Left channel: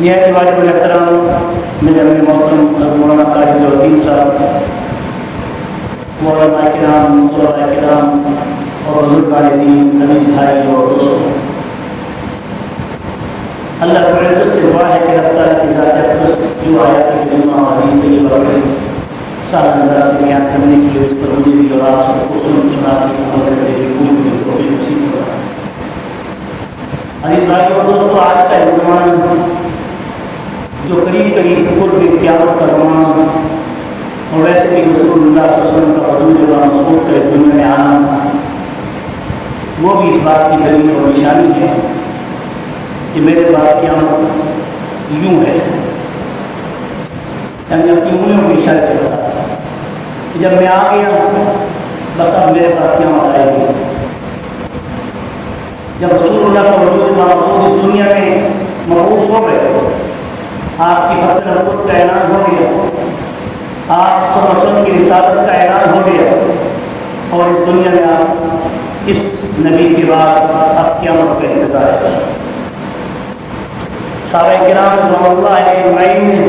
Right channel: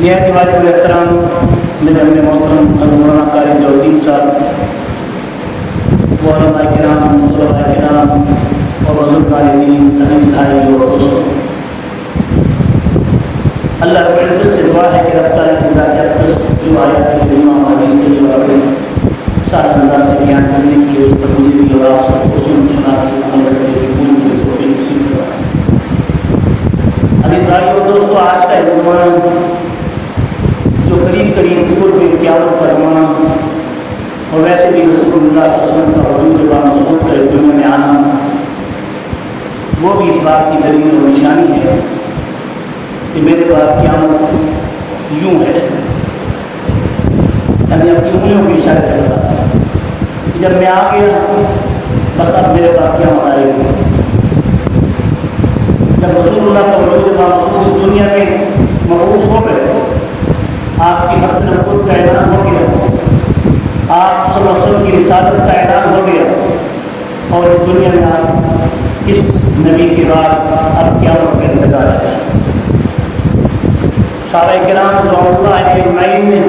نہایت واجب الاحترام میرے اپنے محترم مولانا قاری ضیاءالدین صاحب، علماء کرام، طلباء کرام اور بزرگان دین، عزیز بھائی اور دوستوں، اللہ رب العزت سے دعا ہے کہ رب تعالیٰ کی ذات اقدس جو آیات کریمہ اور حدیث طیبہ میں سادہ انداز سے بیان کرنے کی ہے، اس پر مجھے بھی اور آپ سب کو سنا کے عمل کرنے کی پوری توفیق نصیب فرمائے۔ عزیز بھائی اور دوستوں، آج کا یہ زمانہ جو قریب قرب قیامت کا زمانہ، اور ویسے بھی رسول اللہ صلی اللہ علیہ وسلم کا وجود بامسعود کا اس دنیا میں آنا، وہ بھی اس بات کی دلیل اور نشانی ہے کہ میرے بعد قیامت یوں ہے، یعنی اپنی انگلیوں کے اشارے سے بتاتا ہے کہ جب میں آ گیا بس اب میرے بعد قیامت آئے گی۔ جب رسول اللہ کا وجود بامسعود اس دنیا میں مبعوث ہو گئے، آپ کی ختم نبوت کا اعلان ہو گیا، آپ صلی اللہ علیہ وسلم کی رسالت کا اعلان ہو گیا، اور اس دنیا میں آپ اس نبی کے بعد اب قیامت کا انتظار ہے۔ صحابہ کرام رضوان اللہ علیہ اجمعین نے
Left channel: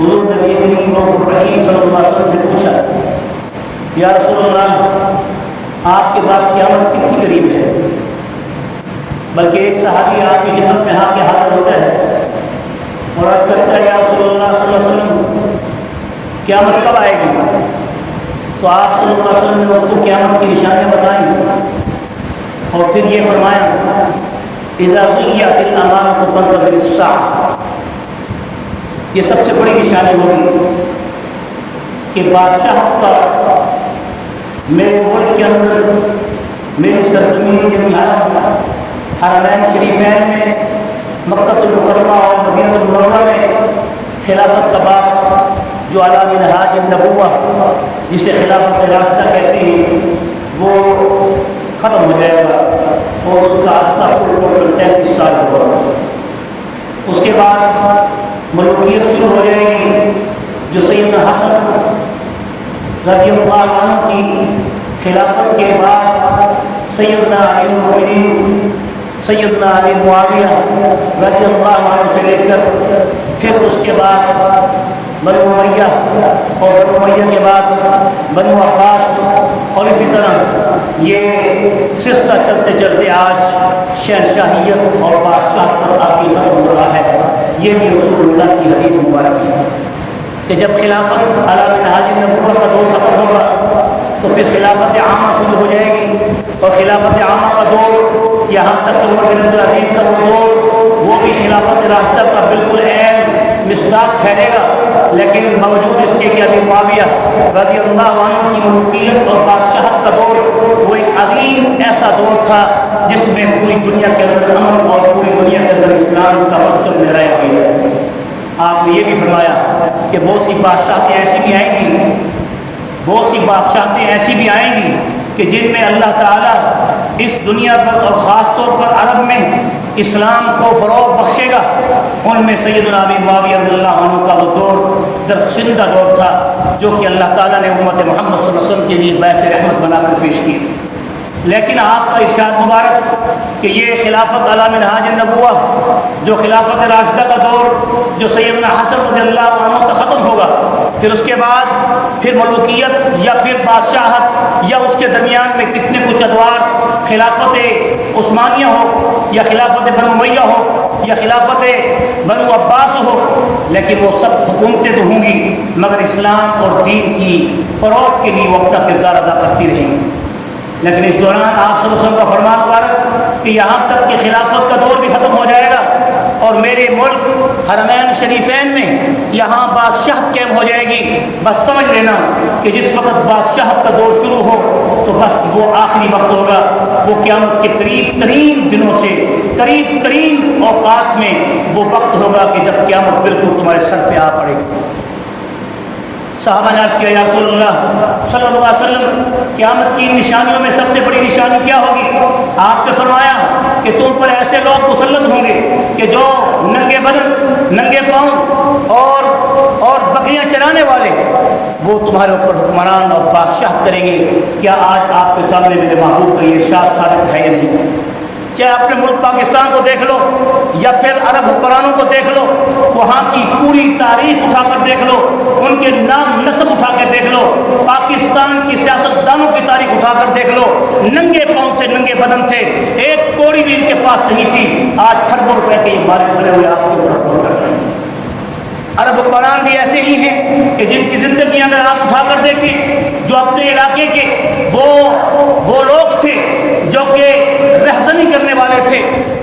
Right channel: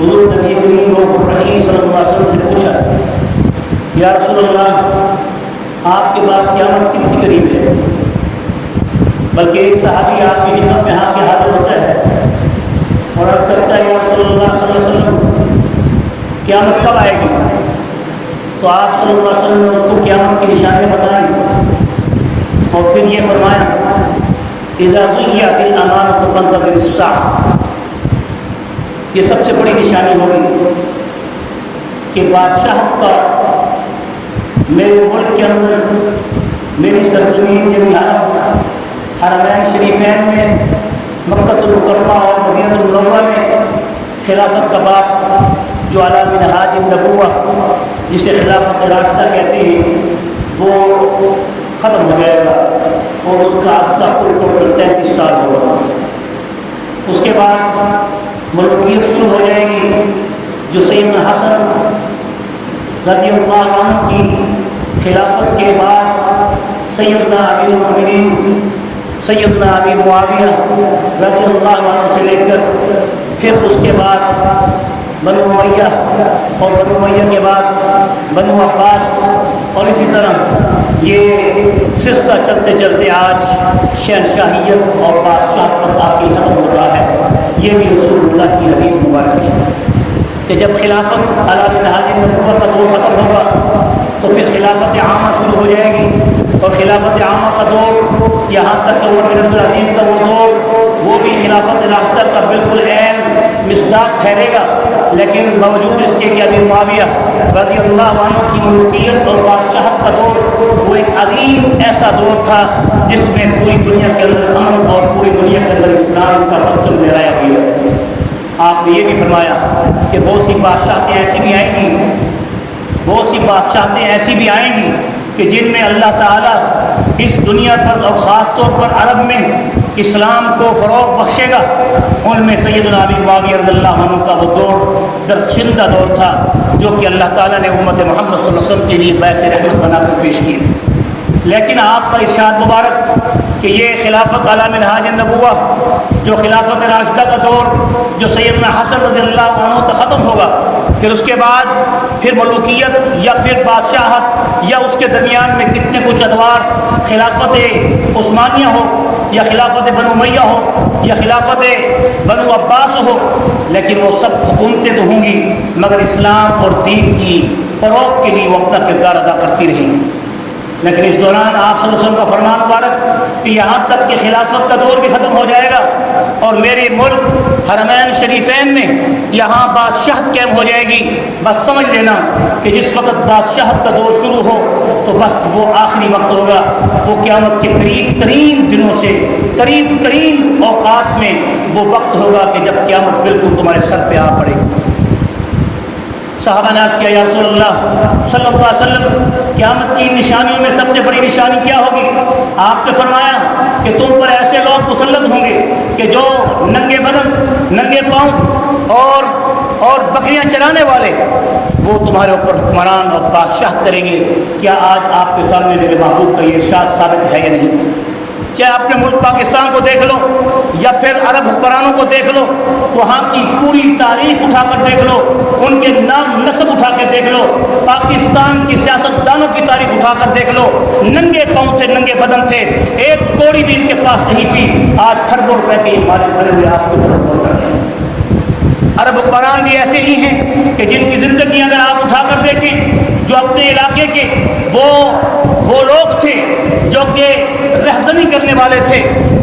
حضور نبی کریم رؤوف الرحیم صلی اللہ علیہ وسلم سے پوچھا، یا رسول اللہ، آپ کے بعد قیامت کتنی قریب ہے؟ بلکہ ایک صحابی آپ کی خدمت میں ہاتھ پہ ہاتھ ہوتا ہے اور عرض کرتا ہے، یا رسول اللہ صلی اللہ علیہ وسلم، قیامت کب آئے گی؟ تو آپ صلی اللہ علیہ وسلم نے اس کو قیامت کی نشانیاں بتائیں اور پھر یہ فرمایا، اذا زیت الامانۃ فانتظر الساعۃ، یہ سب سے بڑی نشانی ہوگی کہ بادشاہت کا میرے ملک کے اندر، میری سرزمین یعنی حرمین شریفین میں، مکہ المکرمہ اور مدینہ المنورہ میں خلافت کا باب جو علی منہاج النبوہ جسے خلافت راشدہ کہتے ہیں وہ ختم ہو جائے گا، اور اس کا عرصہ کل 33 سال ہوگا۔ اس کے بعد ملوکیت شروع ہو جائے گی، جو سیدنا حسن رضی اللہ عنہ کی خلافت کے بعد سیدنا امیر المؤمنین سیدنا ابی معاویہ رضی اللہ عنہ سے لے کر پھر اس کے بعد بنو امیہ، اور بنو امیہ کے بعد بنو عباس، اور اسی طرح یہ سلسلہ چلتے چلتے آج شہنشاہیت اور بادشاہت پر آ کے ختم ہو رہا ہے۔ یہ بھی رسول اللہ کی حدیث مبارک ہے کہ جب خلافت علی منہاج النبوہ کا دور ختم ہوگا تو پھر خلافت عامہ شروع ہو جائے گی، اور خلافت عامہ کا دور یہاں تک عمر بن عبدالعزیز کا وہ دور، وہ بھی خلافت راشدہ کا بالکل عین مصداق ٹھہرے گا، لیکن باوجود اس کے کہ ابی معاویہ رضی اللہ عنہ کی ملوکیت اور بادشاہت کا دور وہ ایک عظیم ایسا دور تھا جس میں پوری دنیا کے اندر امن اور پوری دنیا کے اندر اسلام کا پرچم لہرایا گیا۔ آپ نے یہ بھی فرمایا کہ بہت سی بادشاہتیں ایسی بھی آئیں گی، بہت سی بادشاہتیں ایسی بھی آئیں گی کہ جن میں اللہ تعالیٰ اس دنیا پر اور خاص طور پر عرب میں اسلام کو فروغ بخشے گا۔ ان میں سیدنا ابی معاویہ رضی اللہ عنہ کا وہ دور درخشندہ دور تھا جو کہ اللہ تعالیٰ نے امت محمد صلی اللہ علیہ وسلم کے لیے باعث رحمت بنا کر پیش کی۔ لیکن آپ کا ارشاد مبارک کہ یہ خلافت علی منہاج النبوہ جو خلافت راشدہ کا دور جو سیدنا حسن رضی اللہ عنہ تک ختم ہوگا، پھر اس کے بعد پھر ملوکیت یا پھر بادشاہت یا اس کے درمیان میں کتنے کچھ ادوار، خلافت عثمانیہ ہو یا خلافت بنو امیہ ہو یا خلافت بنو عباس ہو، لیکن وہ سب حکومتیں تو ہوں گی مگر اسلام اور دین کی فروغ کے لیے وہ اپنا کردار ادا کرتی رہیں گی۔ لیکن اس دوران آپ صلی اللہ علیہ وسلم کا فرمان مبارک کہ یہاں تک کہ خلافت کا دور بھی ختم ہو جائے گا اور میرے ملک حرمین شریفین میں یہاں بادشاہت قائم ہو جائے گی، بس سمجھ لینا کہ جس وقت بادشاہت کا دور شروع ہو تو بس وہ آخری وقت ہوگا، وہ قیامت کے قریب ترین دنوں سے قریب ترین اوقات میں وہ وقت ہوگا کہ جب قیامت بالکل تمہارے سر پہ آ پڑے گی۔ صحابہ نے عرض کیا، یا رسول اللہ صلی اللہ علیہ وسلم، قیامت کی نشانیوں میں سب سے بڑی نشانی کیا ہوگی؟ آپ نے فرمایا کہ تم پر ایسے لوگ مسلط ہوں گے کہ جو ننگے بدن، ننگے پاؤں اور بکریاں چرانے والے وہ تمہارے اوپر حکمران اور بادشاہت کریں گے۔ کیا آج آپ کے سامنے میرے محبوب کا یہ ارشاد ثابت ہے یا نہیں؟ چاہے اپنے ملک پاکستان کو دیکھ لو یا پھر عرب حکمرانوں کو دیکھ لو، وہاں کی پوری تاریخ اٹھا کر دیکھ لو، ان کے نام نسب اٹھا کے دیکھ لو، پاکستان کی سیاستدانوں کی تاریخ اٹھا کر دیکھ لو، ننگے پاؤں تھے، ننگے بدن تھے، ایک کوڑی بھی ان کے پاس نہیں تھی، آج کھربوں روپے کے مالک بنے ہوئے آپ کے اوپر حکومت کر رہے ہیں۔ عرب حکمران بھی ایسے ہی ہیں کہ جن کی زندگی اگر آپ اٹھا کر دیکھیں، جو اپنے علاقے کے وہ لوگ تھے جو کہ رہزنی کرنے والے تھے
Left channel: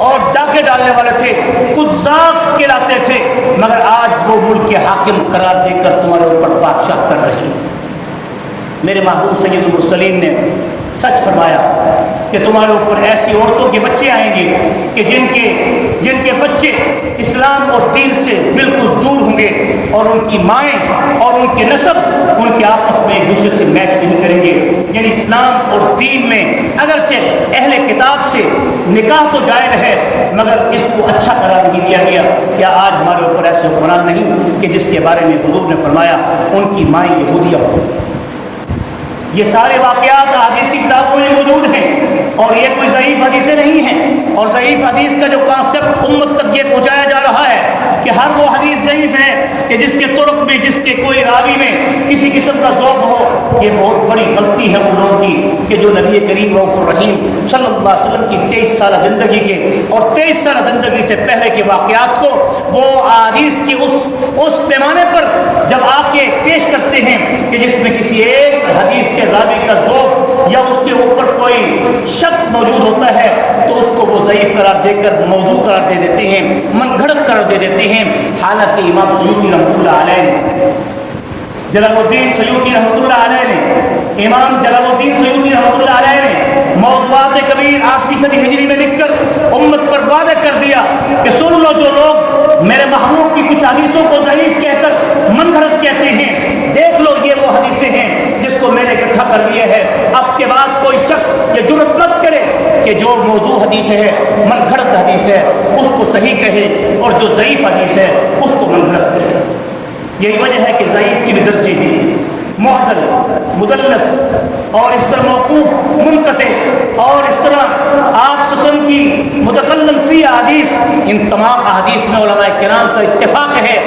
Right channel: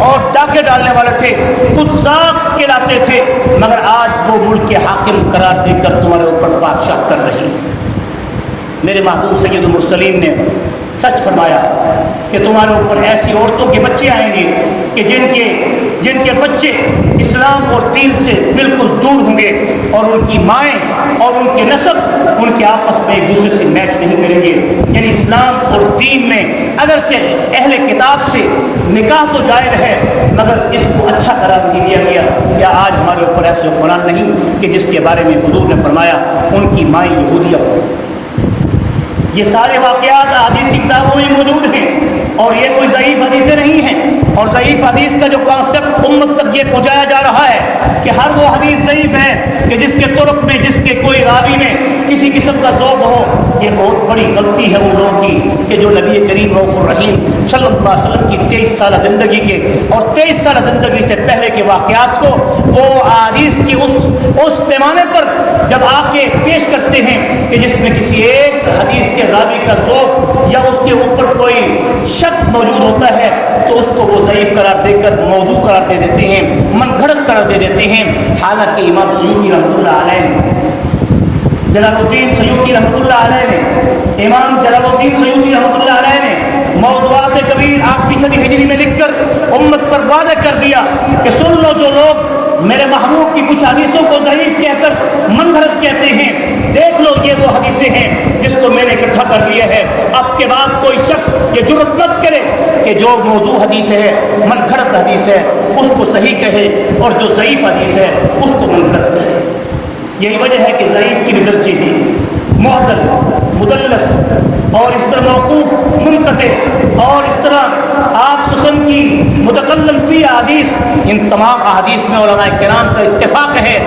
اور ڈاکے ڈالنے والے تھے، قزاق کہلاتے تھے، مگر آج وہ ملک کے حاکم قرار دے کر تمہارے اوپر بادشاہ کر رہے ہیں۔ میرے محبوب سید المرسلین نے سچ فرمایا کہ تمہارے اوپر ایسی عورتوں کے بچے آئیں گے کہ جن کے بچے اسلام اور دین سے بالکل دور ہوں گے، اور ان کی مائیں اور ان کے نسب ان کے آپس میں ایک دوسرے سے میچ نہیں کریں گے۔ یعنی اسلام اور دین میں اگرچہ اہل کتاب سے نکاح تو جائز ہے، مگر اس کو اچھا قرار نہیں دیا گیا۔ کیا آج ہمارے اوپر ایسے حکمران نہیں کہ جس کے بارے میں حضور نے فرمایا ان کی مائیں یہودیہ ہوں؟ یہ سارے واقعات حدیث کی کتابوں میں موجود ہیں، اور یہ کوئی ضعیف حدیثیں نہیں ہیں، اور ضعیف حدیث کا جو کانسیپٹ امت تک یہ پہنچایا جا رہا ہے کہ ہر وہ حدیث ضعیف ہے کہ جس کے طرق میں، جس کے کوئی راوی میں کسی قسم کا ذوق ہو، یہ بہت بڑی غلطی ہے ان لوگوں کی کہ جو نبی کریم رؤوف الرحیم صلی اللہ علیہ وسلم کی 23 سالہ زندگی کے اور 23 سالہ زندگی سے پہلے کے واقعات کو وہ حدیث کی اس پیمانے پر جب آ کے پیش کرتے ہیں کہ جس میں کسی ایک حدیث کے راوی کا ذوق یا اس کے اوپر کوئی شک موجود ہوتا ہے تو اس کو وہ ضعیف قرار دے کر موضوع قرار دے دیتے ہیں، من گھڑت قرار دے دیتے ہیں۔ حالانکہ امام سیوطی رحمۃ اللہ علیہ نے، جلال الدین سیوطی رحمۃ اللہ علیہ نے، امام جلال الدین سیوطی رحمۃ اللہ علیہ نے موضوعات کبیر 8ویں صدی ہجری میں لکھ کر امت پر واضح کر دیا کہ سن لو، جو لوگ میرے محبوب کی کچھ حدیثوں کو ضعیف کہہ کر من گھڑت کہتے ہیں، دیکھ لو یہ وہ حدیثیں ہیں جس کو میں نے اکٹھا کر لیا ہے۔ اب کے بعد کوئی شخص یہ جرأت مت کرے کہ جو موضوع حدیث ہے، من گھڑت حدیث ہے، اس کو صحیح کہے، اور جو ضعیف حدیث ہے اس کو من گھڑت کہے۔ یہی وجہ ہے کہ ضعیف کی بھی درجے ہیں، معدل، مدلس، اور اس طرح موقوف، منقطع، اور اس طرح آپ سسن کی متکلم فی احادیث، ان تمام احادیث میں علماء کرام کا اتفاق ہے۔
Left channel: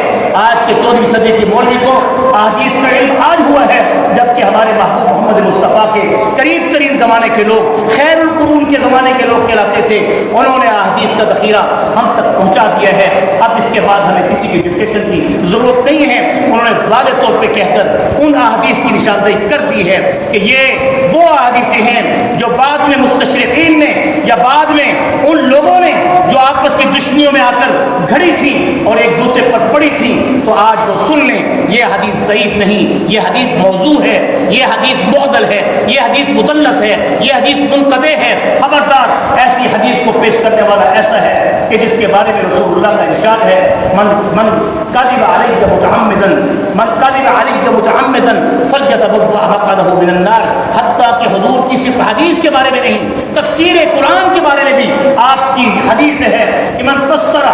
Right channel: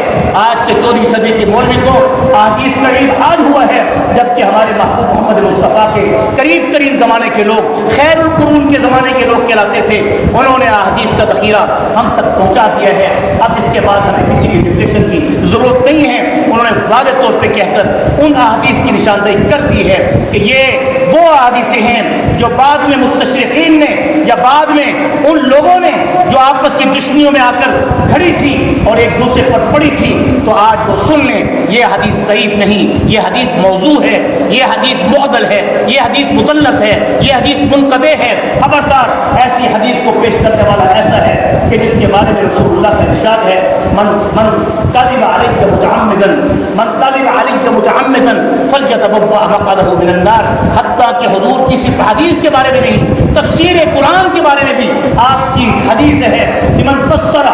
آج کے 14ویں صدی کے مولوی کو احادیث کا علم آج ہوا ہے، جبکہ ہمارے محبوب محمد مصطفیٰ کے قریب ترین زمانے کے لوگ، خیر القرون کے زمانے کے لوگ کہلاتے تھے، انہوں نے احادیث کا ذخیرہ ہم تک پہنچا دیا ہے۔ اب اس کے بعد ہمیں کسی کی ڈکٹیشن کی ضرورت نہیں ہے۔ انہوں نے واضح طور پہ کہہ کر ان احادیث کی نشاندہی کر دی ہے کہ یہ وہ احادیث ہیں جو بعد میں مستشرقین نے یا بعد میں ان لوگوں نے جو آپس کی دشمنیوں میں آ کر گھڑی تھی اور ایک دوسرے پر پڑی تھی، تو آج وہ سن لیں یہ حدیث ضعیف نہیں، یہ حدیث موضوع ہے، یہ حدیث معضل ہے، یہ حدیث مدلس ہے، یہ حدیث منقطع ہے۔ خبردار، ایسی حدیث کو پیش کرنے والا ایسا ہے کہ جس کے بارے میں رسول اللہ کا ارشاد ہے، من کذب علی متعمدا فلیتبوأ مقعدہ من النار۔ حتیٰ کہ حضور کی صرف حدیث کے بارے میں نہیں، تفسیر قرآن کے بارے میں بھی آپ کی حدیث ہے کہ من فسر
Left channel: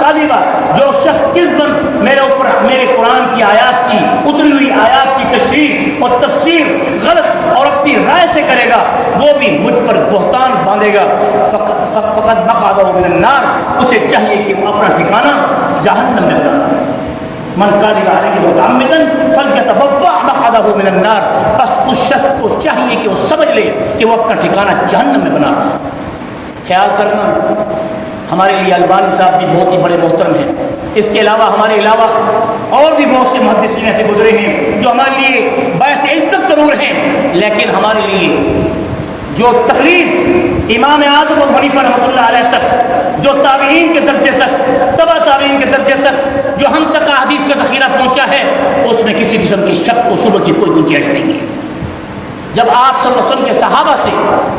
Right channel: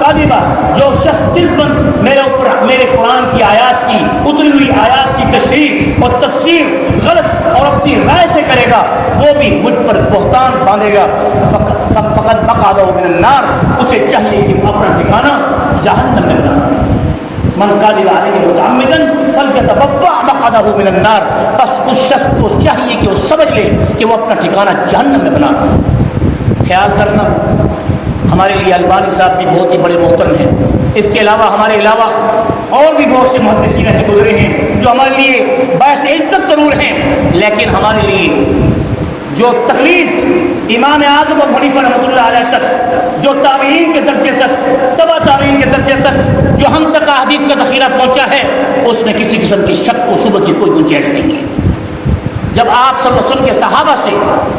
کاذبا، جو شخص کذباً میرے قرآن کی آیات کی، اتری ہوئی آیات کی تشریح اور تفسیر غلط اور اپنی رائے سے کرے گا، وہ بھی مجھ پر بہتان باندھے گا، فقد مقعدہ من النار، اسے چاہیے کہ وہ اپنا ٹھکانہ جہنم میں بنا۔ من کاذب علیہ متعمدا فلیتبوأ مقعدہ من النار، بس اس شخص کو چاہیے کہ وہ سمجھ لے کہ وہ اپنا ٹھکانہ جہنم میں بنا۔ خیال کرنا، ہمارے لیے البانی صاحب بھی بہت ہی بڑے محترم ہیں، اس کے علاوہ ہمارے علاوہ اور بھی بہت سے محدثین ایسے گزرے ہیں جو ہمارے لیے باعث عزت ضرور ہیں، لیکن ہمارے لیے جو تقلید امام اعظم ابو حنیفہ رحمۃ اللہ علیہ تک، جو تابعین کے درجے تک، تبع تابعین کے درجے تک جو ہم تک احادیث کا ذخیرہ پہنچا ہے، اس میں کسی قسم کی شک و شبہ کی کوئی گنجائش نہیں ہے۔ جب آپ صلی اللہ علیہ وسلم کے صحابہ سے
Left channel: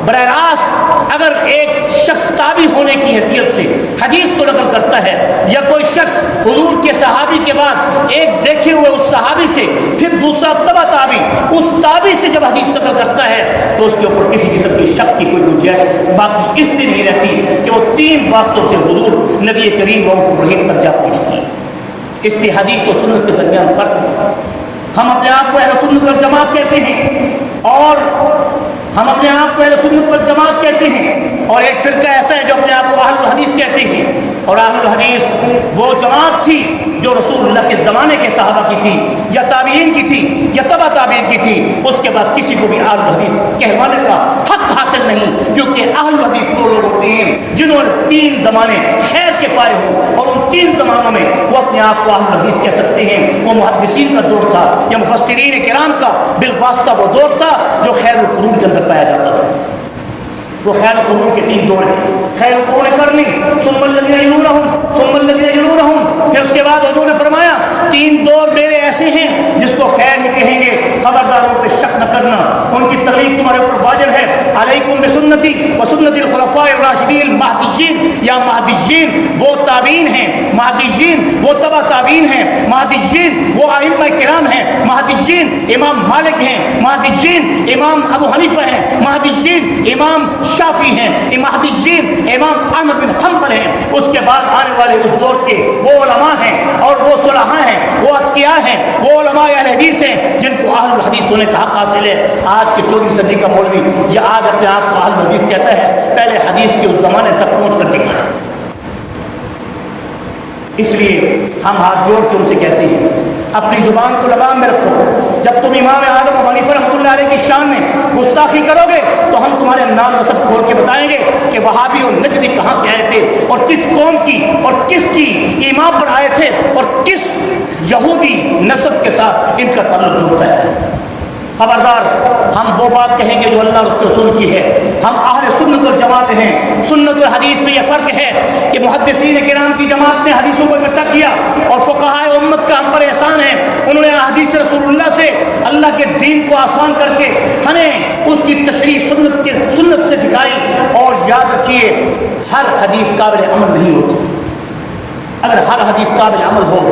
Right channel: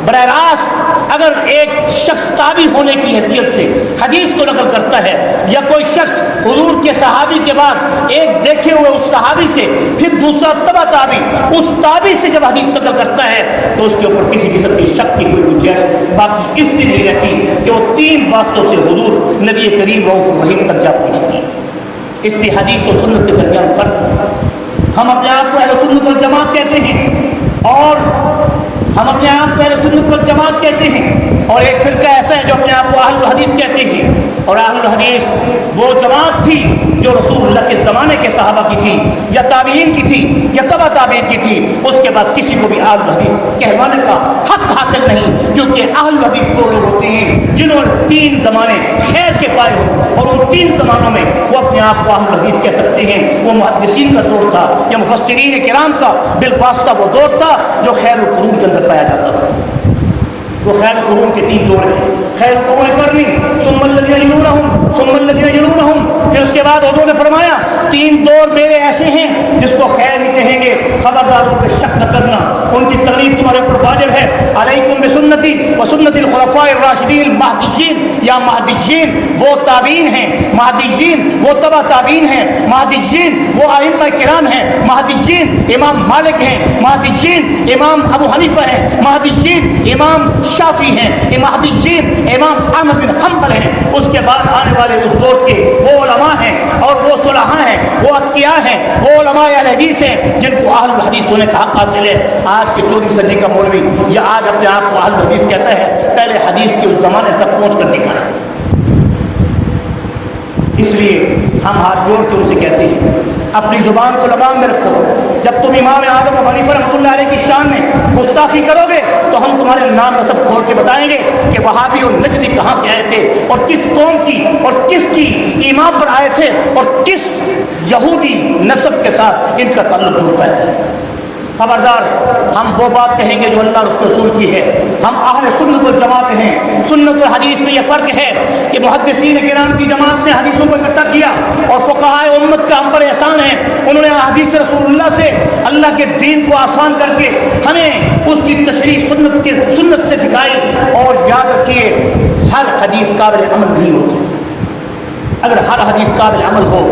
براہ راست اگر ایک شخص تابعی ہونے کی حیثیت سے حدیث کو نقل کرتا ہے، یا کوئی شخص حضور کے صحابی کے بعد ایک دیکھے ہوئے اس صحابی سے پھر دوسرا تبع تابعی اس تابعی سے جب حدیث نقل کرتا ہے، تو اس کے اوپر کسی قسم کی شک کی کوئی گنجائش باقی اس لیے نہیں رہتی کہ وہ 3 واسطوں سے حضور نبی کریم رؤوف الرحیم تک جا پہنچتی ہے۔ اس لیے حدیث اور سنت کے درمیان فرق ہے۔ ہم اپنے آپ کو اہل سنت والجماعت کہتے ہیں، اور ہم اپنے آپ کو اہل سنت والجماعت کہتے ہیں، اور ایک فرقہ ایسا ہے جو اپنے آپ کو اہل الحدیث کہتے ہیں، اور اہل الحدیث وہ جماعت تھی جو رسول اللہ کے زمانے کے صحابہ کی تھی یا تابعین کی تھی یا تبع تابعین کی تھی، اس کے بعد کسی کو بھی اہل الحدیث کہلانے کا حق حاصل نہیں، کیونکہ اہل الحدیث وہ لوگ ہوتے ہیں جنہوں نے 3 زمانے خیر کے پائے ہوں، اور ان 3 زمانوں میں وہ اپنے آپ کو اہل الحدیث کہہ سکتے ہیں۔ وہ محدثین کا دور تھا یا مفسرین کرام کا بالواسطہ وہ دور تھا جو خیر القرون کے اندر پایا جاتا تھا۔ وہ خیر القرون کے 3 دور ہیں، خیر القرون قرنی ثم الذین یلونہم ثم الذین یلونہم، پھر اس کے بعد حضور نے فرمایا 3 دور میرے ایسے ہیں جس کو خیر ہی کہیں گے، خبردار ان پہ شک نہ کرنا، ان کی تقلید تمہارے اوپر واجب ہے۔ علیکم بسنتی وسنت الخلفاء الراشدین المہدیین، یا مہدیین وہ تابعین ہیں، مہدیین وہ تبع تابعین ہیں، مہدیین وہ ائمہ کرام ہیں، مہدیین امام مالک ہیں، مہدیین امام ابو حنیفہ ہیں، مہدیین امام شافعی ہیں، مہدیین امام احمد بن حنبل ہیں۔ اس کے بعد آنے والے اس دور کے وہ علماء ہیں اور وہ صلحاء ہیں، وہ اتقیاء ہیں، وہ علماء اہل حدیث ہیں جن کو اہل الحدیث ہونے کا حق حاصل ہے۔ آج کے 14ویں صدی کا مولوی یا آج اپنے آپ کو اہل الحدیث کہتا ہے، پہلے حدیث کے اس زمانے تک پہنچ کر دکھایا۔ اس لیے ہم ہاتھ جوڑ کے ان سے کہتے ہیں اپنی زبان کو لگام میں رکھو۔ جب تم امام اعظم ابو حنیفہ رحمۃ اللہ علیہ کی شان میں گستاخی کرو گے تو ہم تمہارے نام نسب کھول کے بتائیں گے کہ وہابی اور نجدی کہاں سے آئے تھے اور کس قوم کی اور کس کی ایمان پر آئے تھے اور کس یہودی نسب کے ساتھ ان کا تعلق جڑتا ہے۔ خبردار ہم وہ بات کہیں گے جو اللہ اور اس کے رسول کی ہے۔ ہم اہل سنت والجماعت ہیں۔ سنت و حدیث میں یہ فرق ہے کہ محدثین کرام کی جماعت نے حدیثوں کو اکٹھا کیا اور فقہائے امت کا ہم پر احسان ہے، انہوں نے حدیث رسول اللہ سے اللہ کے دین کو آسان کر کے ہمیں اس کی تشریح سنت سے سکھائی۔ اور یاد رکھیے ہر حدیث قابل عمل نہیں ہوتی۔ اگر ہر حدیث قابل عمل ہو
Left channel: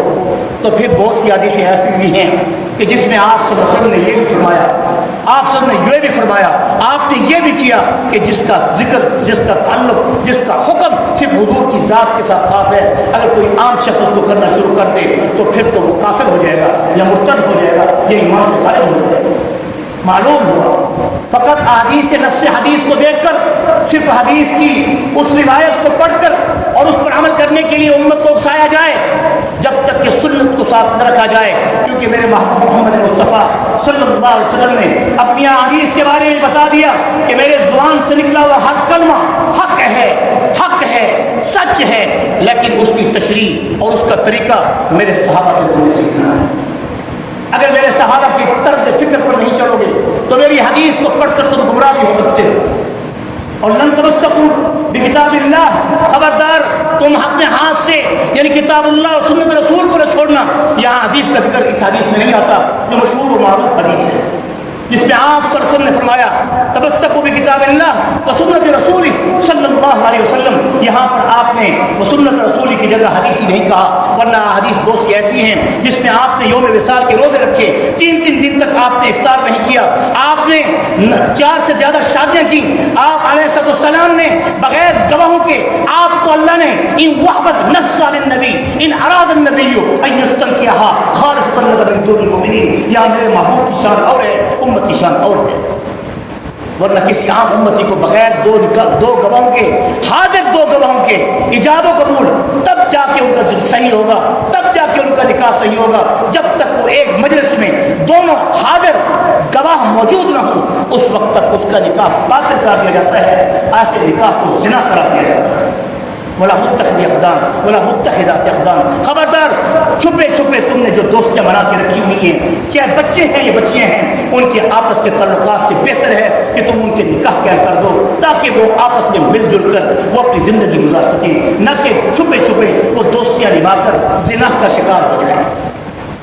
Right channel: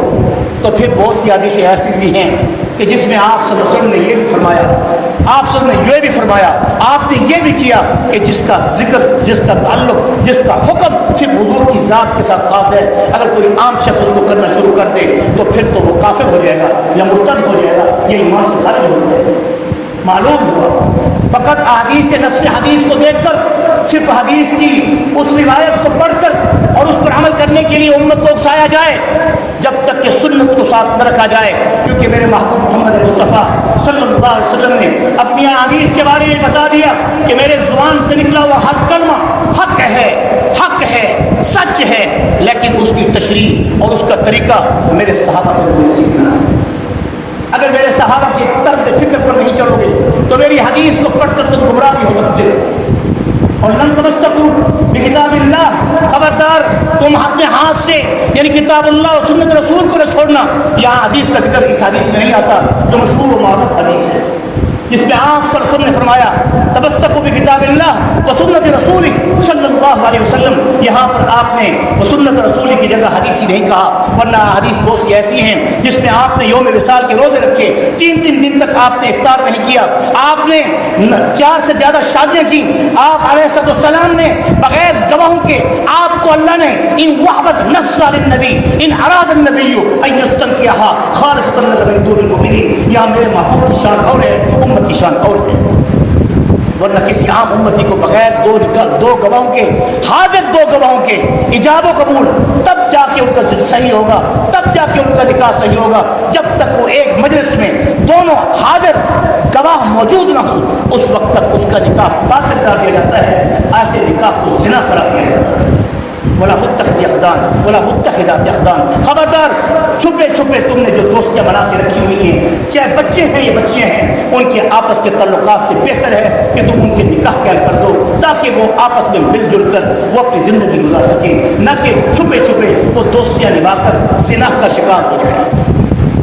تو پھر بہت سی حدیثیں ایسی بھی ہیں کہ جس میں آپ صلی اللہ علیہ وسلم نے یہ بھی فرمایا، آپ صلی اللہ علیہ وسلم نے یہ بھی فرمایا، آپ نے یہ بھی کیا کہ جس کا ذکر، جس کا تعلق، جس کا حکم صرف حضور کی ذات کے ساتھ خاص ہے، اگر کوئی عام شخص اس کو کرنا شروع کر دے تو پھر تو وہ کافر ہو جائے گا یا مرتد ہو جائے گا یا ایمان سے خارج ہو جائے گا۔ معلوم ہوا فقط احادیث سے نفس حدیث کو دیکھ کر، صرف حدیث کی اس روایت کو پڑھ کر اور اس پر عمل کرنے کے لیے امت کو اکسایا جائے جب تک کہ سنت کو ساتھ نہ رکھا جائے، کیونکہ میرے محبوب محمد مصطفیٰ صلی اللہ علیہ وسلم نے اپنی احادیث کے بارے میں بتا دیا کہ میرے زبان سے نکلا ہوا ہر کلمہ حق ہے، سچ ہے، لیکن اس کی تشریح اور اس کا طریقہ میرے صحابہ سے تم نے سیکھنا ہے۔ اگر میرے صحابہ کی طرز فکر پر نہیں چلو گے تو میری حدیث کو پڑھ کر تم گمراہ بھی ہو سکتے ہو۔ اور لن تمسکوا بکتاب اللہ، خبردار تم اپنے ہاتھ سے یعنی کتاب اللہ اور سنت رسول کو نہ چھوڑنا۔ یہاں حدیث کا ذکر اس حدیث میں نہیں آتا جو مشہور و معروف حدیث ہے، جس میں آپ صلی اللہ علیہ وسلم نے فرمایا تمسکوا بکتاب اللہ و سنت رسول صلی اللہ علیہ وسلم۔ یہاں پر آپ نے سنت رسول کی جگہ حدیثی نہیں کہا، ورنہ حدیث بہت سی ایسی ہیں جس میں آپ نے یوم وصال کے روزے رکھے، 3 دن تک آپ نے افطار نہیں کیا، آپ نے 4 سے زیادہ شادیاں کی، آپ علیہ السلام نے بغیر گواہوں کے آپ کو اللہ نے ان وحبت نفس للنبی ان اراد النبی ان یستنکحها خالصۃ لک من دون المؤمنین۔ یہاں میرے محبوب کی شان اور ہے، امت کی شان اور ہے، ورنہ کسی عام امتی کو بغیر دو گواہوں کے، حاضر 2 گواہوں کے ایجاب و قبول، تب جا کے ان کا صحیح ہوگا، تب جا کے ان کا نکاح صحیح ہوگا۔ جب تک وہ ایک مجلس میں دونوں حاضر گواہ موجود نہ ہوں اس وقت تک اس کا نکاح باطل کرا دیا جاتا ہے، ایسے نکاح کو زنا کرا دیا جاتا ہے۔ ولا متخذ اخدان ولا متخذات اخدان، خبردار چھپے چھپے تم نے جو دوستیاں بنا کے رکھی ہوئی ہیں، چاہے بچے ہیں یا بچیاں ہیں، ان کے آپس کے تعلقات سے بہتر ہے کہ تم ان کے نکاح قائم کر دو تاکہ وہ آپس میں مل جل کر وہ اپنی زندگی گزار سکیں، نہ کہ چھپے چھپے وہ دوستیاں نبھا کر زنا کا شکار ہو جائیں۔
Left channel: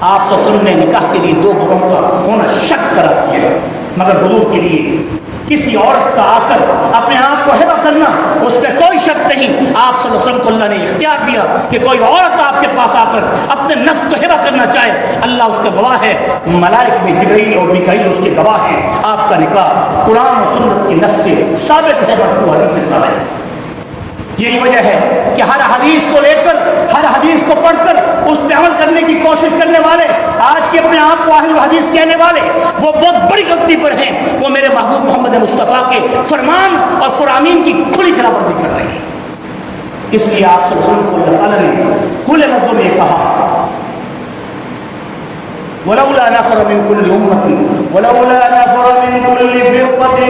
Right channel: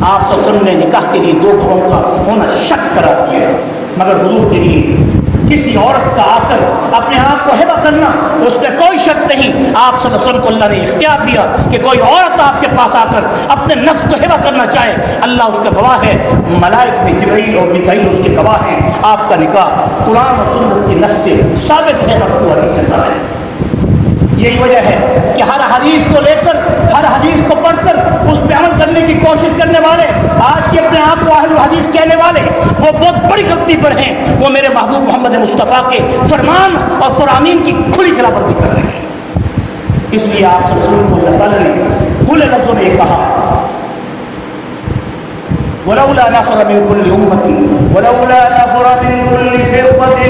آپ صلی اللہ علیہ وسلم نے نکاح کے لیے 2 گواہوں کا ہونا شرط قرار دیا ہے، مگر حضور کے لیے کسی عورت کا آ کر اپنے آپ کو ہبہ کرنا اس میں کوئی شرط نہیں۔ آپ صلی اللہ علیہ وسلم کو اللہ نے اختیار دیا کہ کوئی عورت آپ کے پاس آ کر اپنے نفس کو ہبہ کرنا چاہے، اللہ اس کا گواہ ہے، ملائک میں جبرائیل اور میکائیل اس کے گواہ ہیں۔ آپ کا نکاح قرآن اور سنت کی نص سے ثابت ہے، مرفوع حدیث سے ثابت ہے۔ یہی وجہ ہے کہ ہر حدیث کو لے کر، ہر حدیث کو پڑھ کر اس پہ عمل کرنے کی کوشش کرنے والے، آج کے اپنے آپ کو اہل حدیث کہنے والے، وہ بہت بڑی غلطی پر ہیں۔ وہ میرے محبوب محمد مصطفیٰ کے فرمان اور فرامین کی کھلی خلاف ورزی کر رہے ہیں۔ اس لیے آپ صلی اللہ علیہ وسلم کو اللہ تعالیٰ نے کھلے لفظوں میں یہ کہا، ولولا نفر من كل أمة ولولا نفر من كل فرقة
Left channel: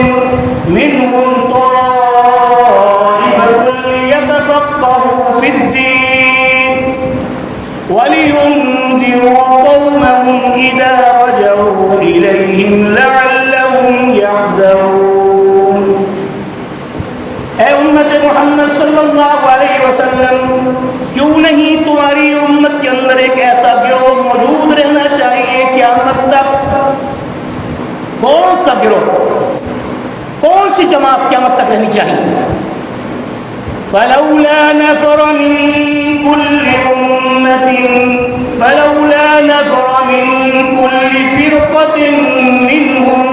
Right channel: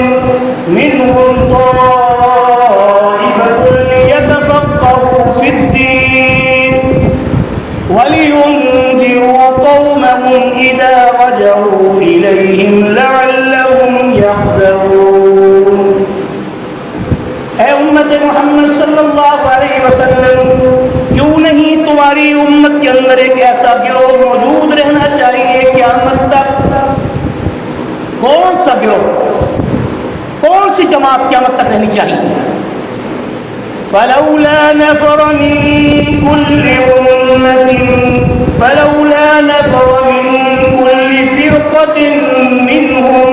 منهم طائفة ليتفقهوا في الدين ولينذروا قومهم إذا رجعوا إليهم لعلهم يحذرون۔ اے امت محمد صلی اللہ علیہ وسلم، کیوں نہیں تمہاری امت کے اندر ایک ایسا گروہ موجود رہنا چاہیے قیامت تک؟ کون سا گروہ، کون سی جماعت قیامت تک رہنی چاہیے؟ فلولا نفر من كل أمة فلولا نفر من كل فرقة منهم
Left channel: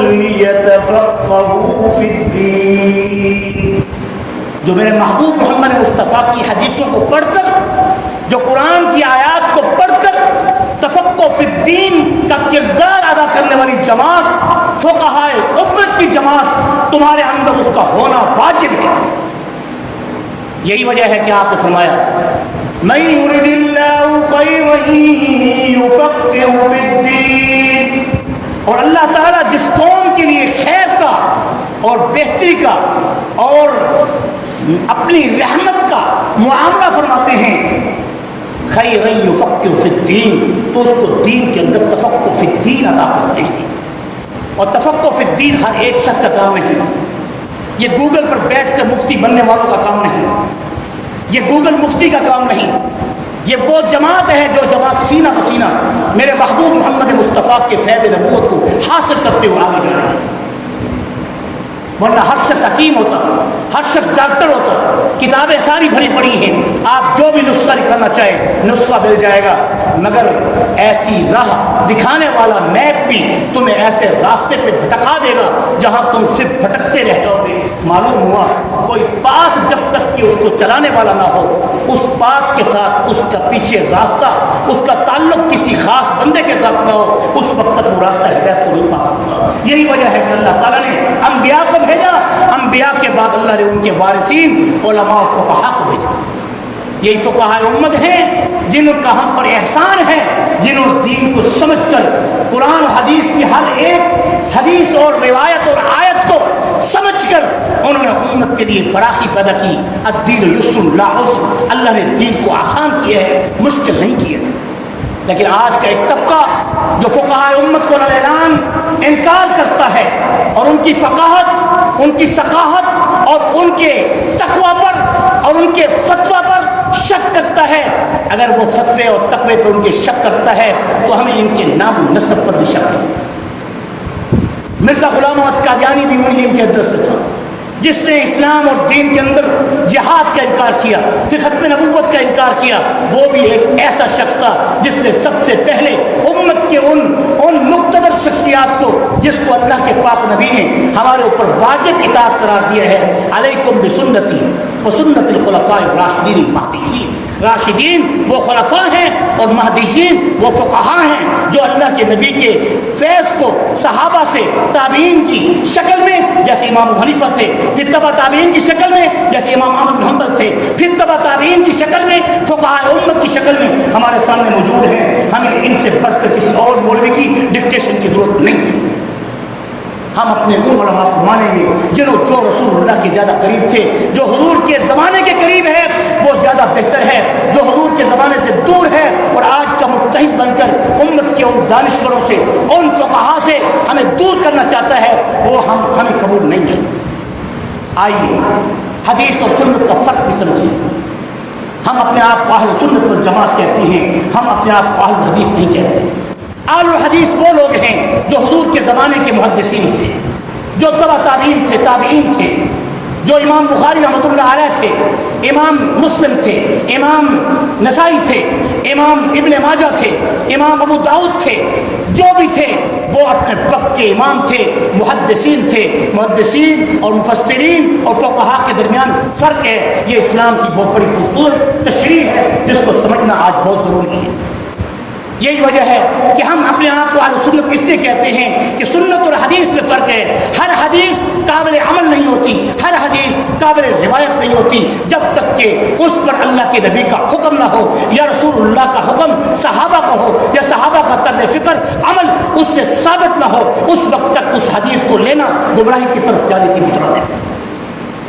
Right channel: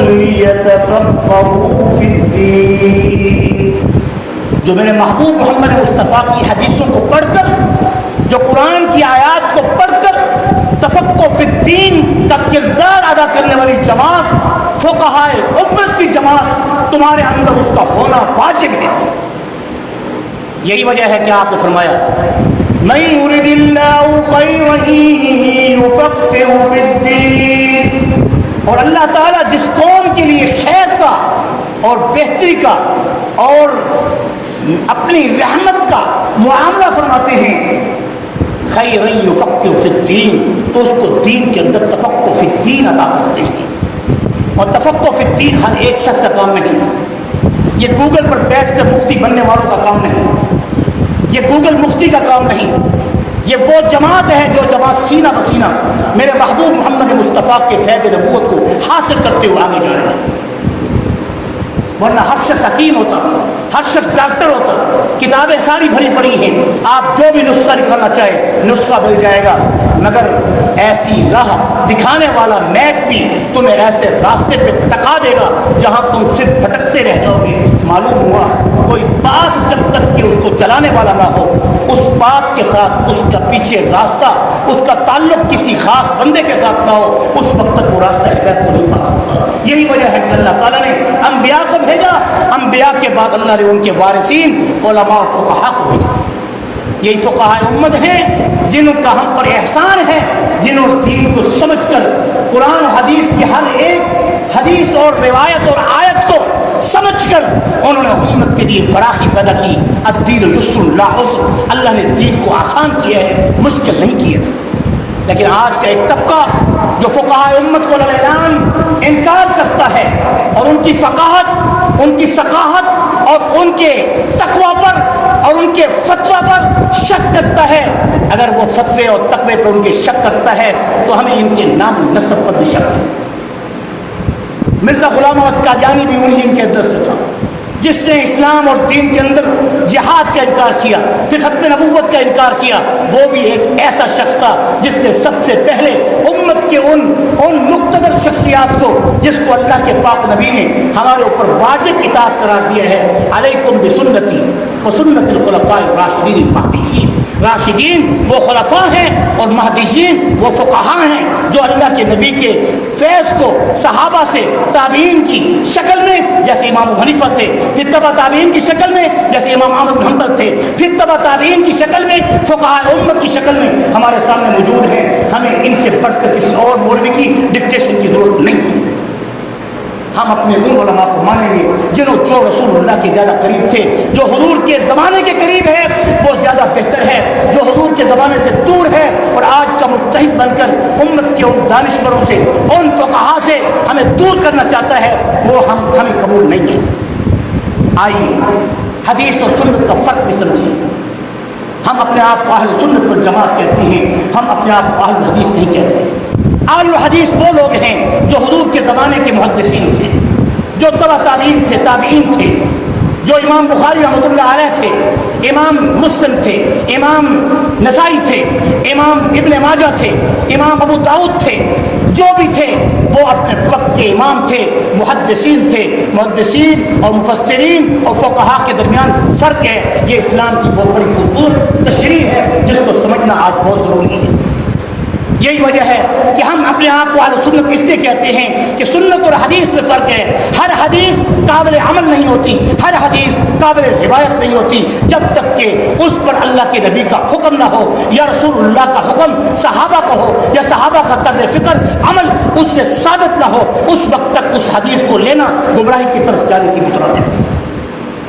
ليتفقهوا في الدين۔ جو میرے محبوب محمد مصطفیٰ کی حدیثوں کو پڑھ کر، جو قرآن کی آیات کو پڑھ کر تفقہ فی الدین کا کردار ادا کرنے والی جماعت، فقہائے امت کی جماعت، تمہارے اندر اس کا ہونا واجب ہے۔ یہی وجہ ہے کہ آپ نے فرمایا من یرد اللہ خیرا یفقہہ فی الدین، اور اللہ تعالیٰ جس قوم کے لیے خیر کا اور بہتری کا اور اپنی رحمت کا معاملہ فرماتے ہیں، خیر یفقہ فی الدین، تو اس کو دین کے اندر تفقہ فی الدین ادا کرتے ہیں۔ اور تفقہ فی الدین ہر ایک شخص کا کام نہیں، یہ گوگل پر بیٹھ کر مفتی بننے والوں کا کام نہیں، یہ گوگل مفتی کا کام نہیں، یہ وہ جماعت ہے جو جماعت سینہ بسینہ میرے محبوب محمد مصطفیٰ کے فیض نبوت کو حاصل کرتے ہوئے آگے جا رہے ہیں۔ ورنہ ہر شخص حکیم ہوتا، ہر شخص ڈاکٹر ہوتا، کتابیں ساری بھری پڑی ہیں، آپ جو بھی نسخہ نکالنا چاہے نسخہ مل جائے گا، مگر ایسی راہ دکھانے والا میپ بھی تمہیں ایسے راستے پہ بھٹکا دے گا جہاں تم صرف بھٹکتے رہ جاؤ گے۔ معلوم ہوا کوئی بات جب تک کہ اس کو چلانے والا نہ ہو، اس بات کے ساتھ اس کا پیچھے راستہ، اس کا تعلق کسی خاص بندے کے ساتھ نہ ہو، اس وقت تک وہ راستہ ہدایت کو نہیں پا سکتا۔ یہی وجہ ہے کہ اللہ تعالیٰ نے انبیاء کو بھیجا، انبیاء کے بعد اللہ نے ان کے وارثین علماء و فقہاء کو بھیجا۔ یہی فقہاء امت ہیں جن کا ہم پر احسان ہے، جنہوں دین کو سمجھ کر قرآن و حدیث کی ہر ایک حدیث اور روایت اور آیت کو سمجھ کر انہوں نے امت کے لیے فراخی پیدا کی۔ الدین یسر لا عسر، اللہ نے دین کو آسان کیا ہے، مشکل نہیں کیا۔ لیکن آج کا ایک طبقہ جو فقہاء امت کو اعلان انکار کرتا ہے اور ان کی فقاہت، ان کی ثقافت اور ان کے تقویٰ پر اور ان کے فتویٰ پر شک کرتا ہے، اگر وہ فتوے اور تقوی پر ان کے شک کرتا ہے تو ہمیں ان کے نام و نسب پر بھی شک ہے۔ مرزا غلام احمد قادیانی بھی انہی ان کے اندر سے تھا جس نے اسلام اور دین کے اندر جہاد کا انکار کیا، پھر ختم نبوت کا انکار کیا۔ وہ بھی ایک ایسا شخص تھا جس نے سب سے پہلے امت کے ان مقتدر شخصیات کو، جس کو اللہ کے پاک نبی نے ہمارے اوپر واجب اطاعت قرار دیا ہے، علیکم بسنتی وسنت الخلفاء الراشدین المہدیین۔ راشدین وہ خلفاء ہیں اور مہدیین وہ فقہاء ہیں جو اللہ کے نبی کے فیض کو صحابہ سے تابعین کی شکل میں جیسے امام ابو حنیفہ تھے، پھر تبع تابعین کی شکل میں جیسے امام احمد بن حنبل تھے، پھر تبع تابعین کی شکل میں فقہاء امت کی شکل میں ہمارے سامنے موجود ہیں۔ ہمیں ان سے بڑھ کر کسی اور مولوی کی ڈکٹیشن کی ضرورت نہیں ہے۔ ہم اپنے ان علماء کو مانیں گے جو رسول اللہ کے زیادہ قریب تھے، جو حضور کے زمانے کے قریب ہے وہ زیادہ بہتر ہے، جو حضور کے زمانے سے دور ہے اور آج کا متحد بن کر امت کے ان دانشوروں سے، ان فقہاء سے ہمیں دور کرنا چاہتا ہے، وہ ہمیں قبول نہیں ہے۔ آئیے حدیث اور سنت کا فرق بھی سمجھیے۔ ہم اپنے آپ کو اہل سنت والجماعت کہتے ہیں، ہم اپنے آپ کو اہل حدیث نہیں کہتے۔ اہل حدیث وہ لوگ ہیں جو حضور کے زمانے کے محدثین تھے، جو تبع تابعین تھے، تابعین تھے، جو امام بخاری رحمۃ اللہ علیہ تھے، امام مسلم تھے، امام نسائی تھے، امام ابن ماجہ تھے، امام ابو داؤد تھے، جو بھی تھے وہ اپنے وقت کے امام تھے، محدثین تھے۔ محدثین اور مفسرین اور فقہاء کے درمیان فرق ہے، یہ اسلام کی بہت بڑی خوبصورت تشریح ہے جس کو سمجھنا آج بہت ضروری ہے۔ یہی وجہ ہے کہ ہم اپنے آپ کو اہل سنت اس لیے کہتے ہیں کہ سنت اور حدیث میں فرق ہے۔ ہر حدیث قابل عمل نہیں ہوتی، ہر حدیث قابل روایت نہیں ہوتی جب تک کہ اس پر اللہ کے نبی کا حکم نہ ہو یا رسول اللہ کا حکم صحابہ کو ہو یا صحابہ کا طرز فکر عمل اس سے ثابت نہ ہو، اس وقت تک اس حدیث کو لینا گمراہی کی طرف جانے کی مطلب ہے۔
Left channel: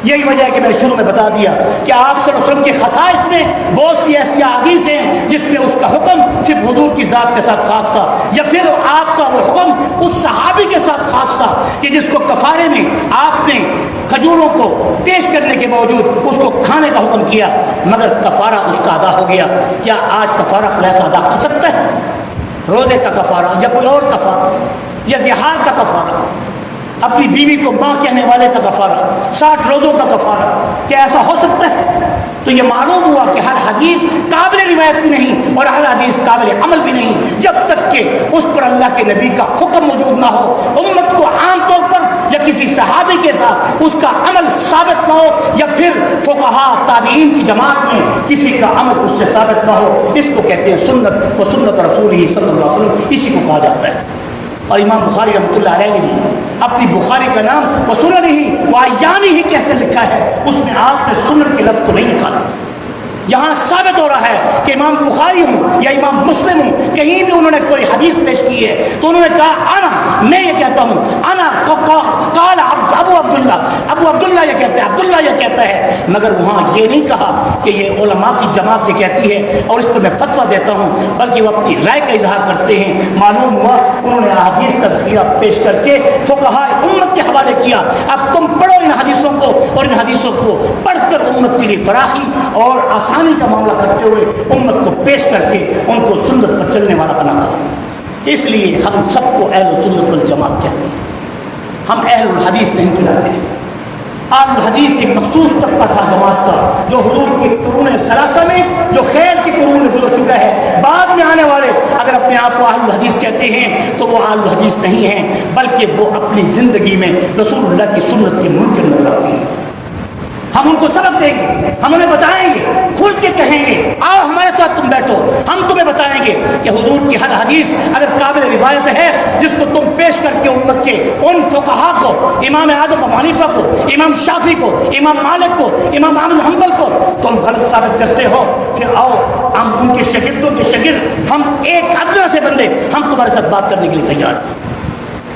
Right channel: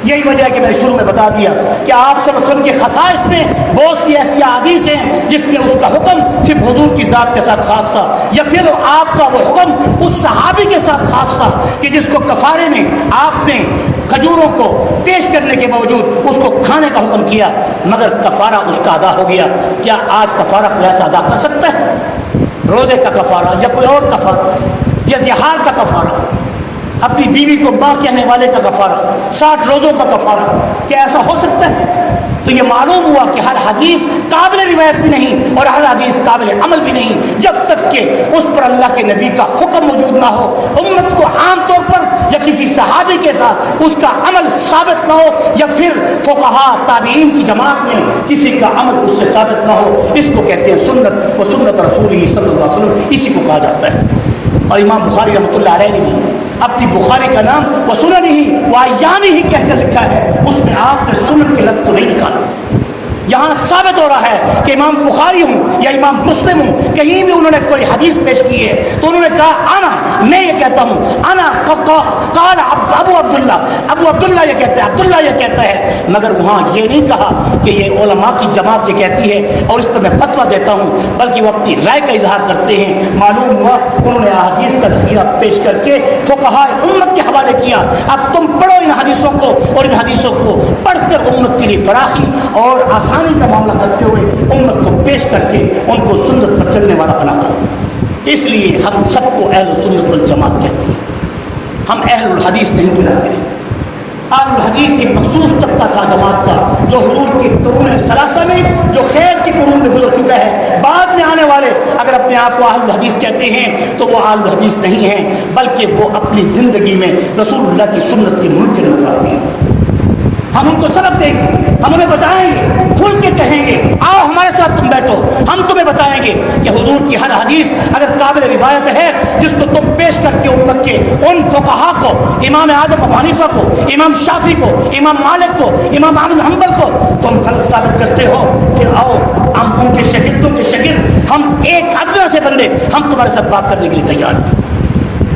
یہی وجہ ہے کہ میں نے شروع میں بتا دیا کہ آپ صلی اللہ علیہ وسلم کے خصائص میں بہت سی ایسی احادیث ہیں جس میں اس کا حکم صرف حضور کی ذات کے ساتھ خاص تھا، یا پھر آپ کا وہ حکم اس صحابی کے ساتھ خاص تھا کہ جس کو کفارے میں آپ نے کھجوروں کو پیش کرنے کے باوجود اس کو کھانے کا حکم کیا، مگر کفارہ اس کا ادا ہو گیا۔ کیا آج کفارہ کوئی ایسا ادا کر سکتا ہے؟ روزے کا کفارہ یا کوئی اور کفارہ یا زہار کا کفارہ، اپنی بیوی کو ماں کہنے والے کا کفارہ، 60 روزوں کا کفارہ، کیا ایسا ہو سکتا ہے؟ تو یہ معلوم ہوا کہ ہر حدیث قابل روایت بھی نہیں اور ہر حدیث قابل عمل بھی نہیں جب تک کہ اس پر اللہ کے نبی کا حکم موجود نہ ہو، امت کو عام طور پر یا کسی صحابی کے ساتھ اس کا عمل ثابت نہ ہو، یا پھر فقہاء تابعین کی جماعت میں کسی کا عمل اس سے ثابت نہ ہو، اس کو کہتے ہیں سنت و سنت رسول ہی صلی اللہ علیہ وسلم، اسی کو کہا جاتا ہے۔ اور امام بخاری رحمۃ اللہ علیہ نے بھی اپنی بخاری کا نام وہ سنن ہی و ایام ہی کہہ کر لکھا ہے، اس میں آپ نے سنن کے لفظ کو نہیں لکھا۔ یہاں ثابت ہو رہا ہے کہ امام بخاری ہوں یا امام مسلم ہوں، کہیں بھی انہوں نے کوئی حدیث پیش کی ہے تو انہوں نے کہا انا، میں یہ کہتا ہوں، انا قال ابو عبداللہ یہ کہتا ہے، عبداللہ یہ کہتا ہے، مگر وہاں یہ نہیں کہا کہ یہ علماء کی جماعت یہ کہتی ہے اور اس پر میں فتویٰ دیتا ہوں، بلکہ وہ اپنی رائے کا اظہار کرتے ہیں۔ معلوم ہوا انہوں نے احادیث کا ذخیرہ پیش کر کے فقہاء امت کے حوالے کیا۔ اب تم پڑھو ان حدیثوں کو اور ان حدیثوں کو پڑھ کر امت کے لیے فراخی اور آسانی کا معاملہ کرتے ہوئے امت کو پیش کر کے ان کو سنت پر چلنے والا بنا دو۔ اس لیے ہم سب کو اہل سنت والجماعت کہتے ہیں، ہم اہل الحدیث نہیں بلاتے۔ اہل الحدیث ایک مخصوص طبقہ تھا جماعت کا جو حضور کے قرون ثلاثہ میں، جو خیر کے قرون میں گزر چکا ہے۔ بعد میں آنے والے اگر اپنے آپ کو اہل الحدیث کہتے ہیں تو وہ اہل الحدیث نہیں ہیں، بلکہ وہ اپنی زندگی میں رسول اللہ کی سنت کے منکر نظر آتے ہیں۔ ہم ان کو سبق دیں گے، ہم انہیں بتائیں گے، کھل کے کہیں گے آؤ ہمارے ساتھ تم بیٹھو، ہم تمہیں بتائیں گے کہ حضور کی ہر حدیث اگر قابل روایت ہے جس کو تم پیش کر کے امت کے ان فقہاء کو، امام اعظم ابو حنیفہ کو، امام شافعی کو، امام مالک کو، امام احمد بن حنبل کو تم غلط ثابت کرتے ہو، پھر آؤ ہم ان کے شاگردوں کے شاگرد، ہم ایک ادنا سے بندے، ہم تمہارے ساتھ بات کرنے کے لیے تیار ہیں۔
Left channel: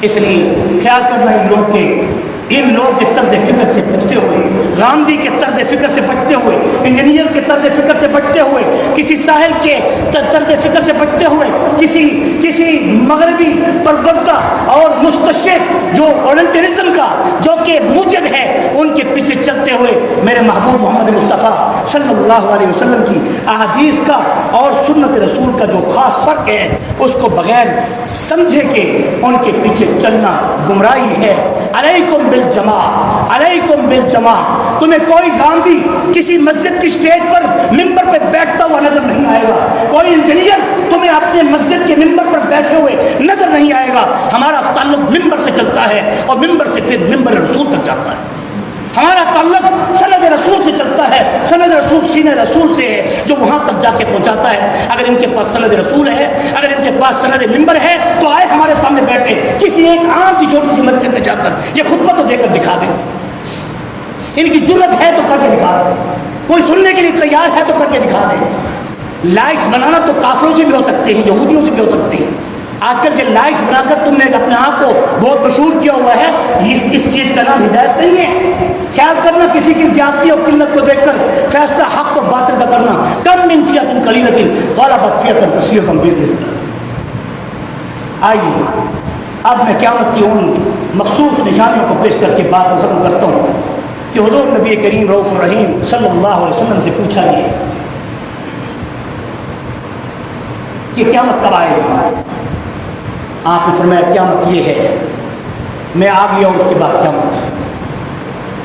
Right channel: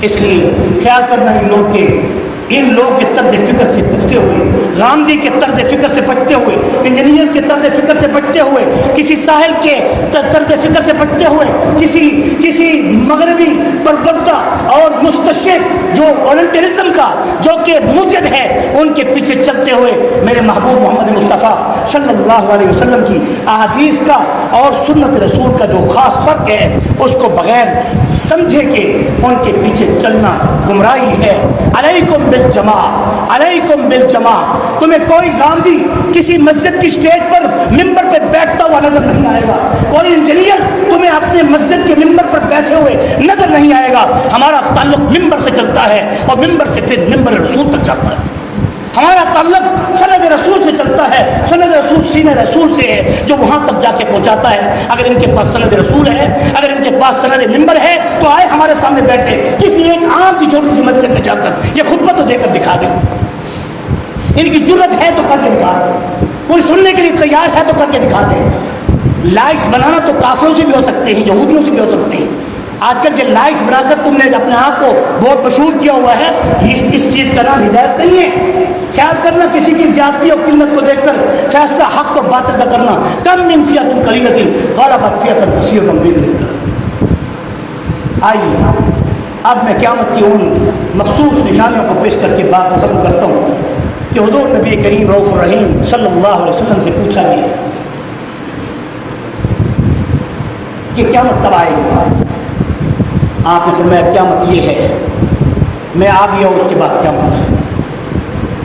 اس لیے خیال کرنا ان لوگ کے طرز فکر سے بچتے ہوئے، غامدی کے طرز فکر سے بچتے ہوئے، انجینئر کے طرز فکر سے بچتے ہوئے، کسی ساحل کے طرز فکر سے بچتے ہوئے، کسی مغربی پروردہ اور مستشرق جو اورینٹلزم کا جو کہ موجد ہے ان کے پیچھے چلتے ہوئے میرے محبوب محمد مصطفیٰ صلی اللہ علیہ وسلم کی احادیث کا اور سنت رسول کا جو خاص فرق ہے اس کو بغیر سمجھے کہ ان کے پیچھے چلنا گمراہی ہے۔ علیکم بالجماع، تمہیں کوئی غامدی کسی مسجد کی اسٹیج پر ممبر پہ بیٹھتا ہوا نظر نہیں آئے گا، کوئی انجینئر تمہیں اپنے مسجد کے ممبر پر بیٹھے ہوئے نظر نہیں آئے گا۔ ہمارا تعلق ممبر سے چلتا ہے اور ممبر سے پھر ممبر رسول تک جاتا ہے۔ ہمارا تعلق سند رسول سے چلتا ہے، سند رسول سینہ رسول سے ہے جو وہاں تک جا کے پہنچاتا ہے۔ اگر ان کے پاس سند رسول ہے، اگر ان کے پاس سند ممبر ہے تو آئے ہمارے سامنے بیٹھے، کسی ایک عام سی چھوٹی سی مسجد میں جا کر یہ خطبہ تو دے کر دکھا دیں، ان کی جرت ہے تو کر کے دکھا دیں، کوئی سننے کے لیے تیار ہے تو کر کے دکھا دیں۔ لائکس بنانا تو کافروں سے بھی ہو سکتے ہیں، یہودیوں سے بھی ہو سکتے ہیں۔ آج کل جو لائکس بنا کر تم نے اپنے آپ کو بہت مشہور کیا ہوا ہے، اس چیز کا نام ہدایت نہیں ہے۔ خیال کرنا کسی کی زیادتی اور قلت کو دیکھ کر فیصلہ حق و باطل کا کرنا، کم من فئۃ قلیلۃ غلبت فئۃ کثیرۃ بإذن اللہ۔ آئیے اب میں قیامت کی ان مخصوص نشانیوں کو پیش کر کے بات کو ختم کرتا ہوں کہ حضور نبی کریم رؤوف الرحیم صلی اللہ علیہ وسلم سے پوچھا گیا کہ قیامت کب آئے گی؟ آپ نے فرمایا قیامت یہ ہے، میں آ گیا اور اس کے بعد قیامت۔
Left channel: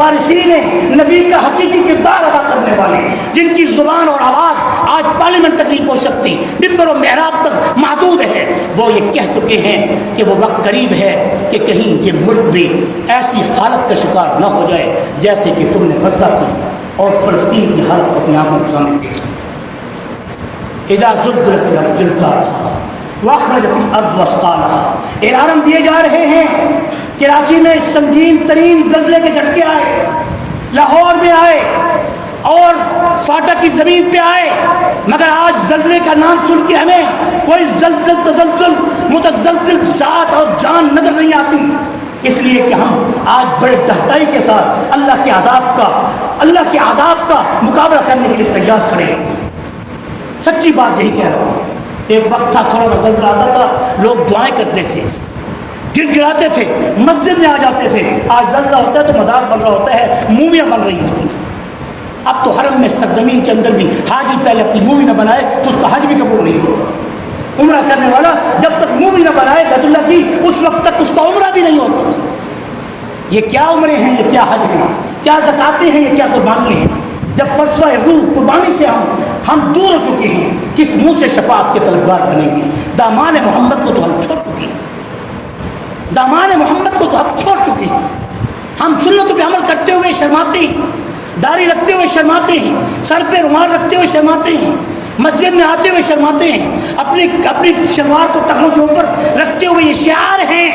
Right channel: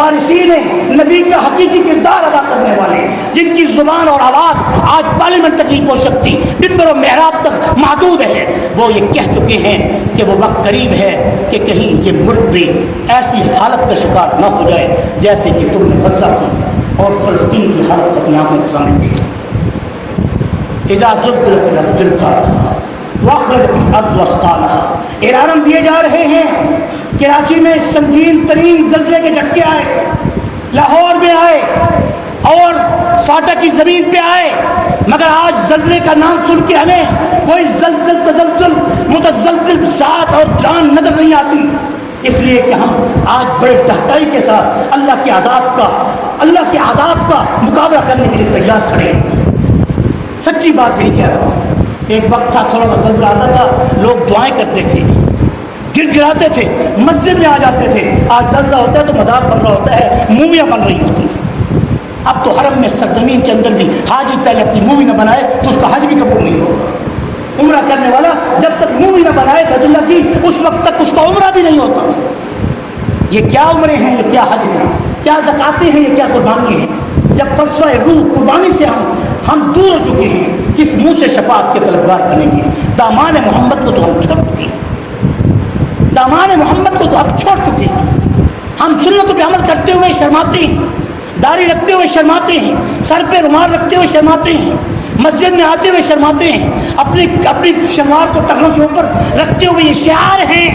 وارثین نبی کا حقیقی کردار ادا کرنے والے، جن کی زبان اور آواز آج پارلیمنٹ تک نہیں پہنچ سکتی، ممبر و محراب تک محدود ہے، وہ یہ کہہ چکے ہیں کہ وہ وقت قریب ہے کہ کہیں یہ ملک بھی ایسی حالت کا شکار نہ ہو جائے جیسے کہ تم نے غزہ کی اور فلسطین کی حالت کو اپنی آنکھوں کے سامنے دیکھا۔ اذا زلزلت الارض زلزالها واخرجت الارض اثقالها، اعلان دیے جا رہے ہیں کراچی میں سنگین ترین زلزلے کے جھٹکے آئے، لاہور میں آئے اور فاٹک کی زمین پہ آئے، مگر آج زلزلے کا نام سن کے ہمیں کوئی زلزل تزلزل متزلزل ذات اور جان نظر نہیں آتی، اس لیے کہ ہم آج بڑے دہتائی کے ساتھ اللہ کے عذاب کا مقابلہ کرنے کے لیے تیار کھڑے ہیں۔ سچی بات یہی کہہ رہا ہوں، ایک وقت تھا تھوڑا سا زلزلہ آتا تھا لوگ دعائیں کرتے تھے، گر گراتے تھے، مسجد میں آ جاتے تھے، آج زلزلہ ہوتا ہے تو مذاق بن رہا ہوتا ہے، موویاں بن رہی ہوتی ہیں۔ اب تو حرم میں سرزمین کے اندر بھی حاجی پہلے اپنی مووی نہ بنائے تو اس کا حج بھی قبول نہیں ہوگا۔ عمرہ کرنے والا جب تک مووی نہ بنائے بیت اللہ کی، اس وقت تک اس کا عمرہ بھی نہیں ہوتا۔ یہ کیا عمرے ہیں، یہ کیا حج ہیں، کیا زکاتیں ہیں، یہ کیا قربانی ہیں؟ جب فرشہ روح قربانی سے ہم دور ہو چکے ہیں، کس منہ سے شفاعت کے طلبگار بنیں گے؟ دامان محمد کو تو ہم چھوڑ چکے ہیں، دامان محمد کو تو ہم چھوڑ چکے ہیں۔ ہم سنتوں پہ عمل کرتے ہوئے شرماتے ہیں، داڑھی رکھتے ہوئے شرماتے ہیں، سر پہ رومال رکھتے ہوئے شرماتے ہیں، مسجد میں آتے ہوئے شرماتے ہیں، اپنی شلوار کو ٹخنوں کے اوپر رکھتے ہوئے یہ شعار ہیں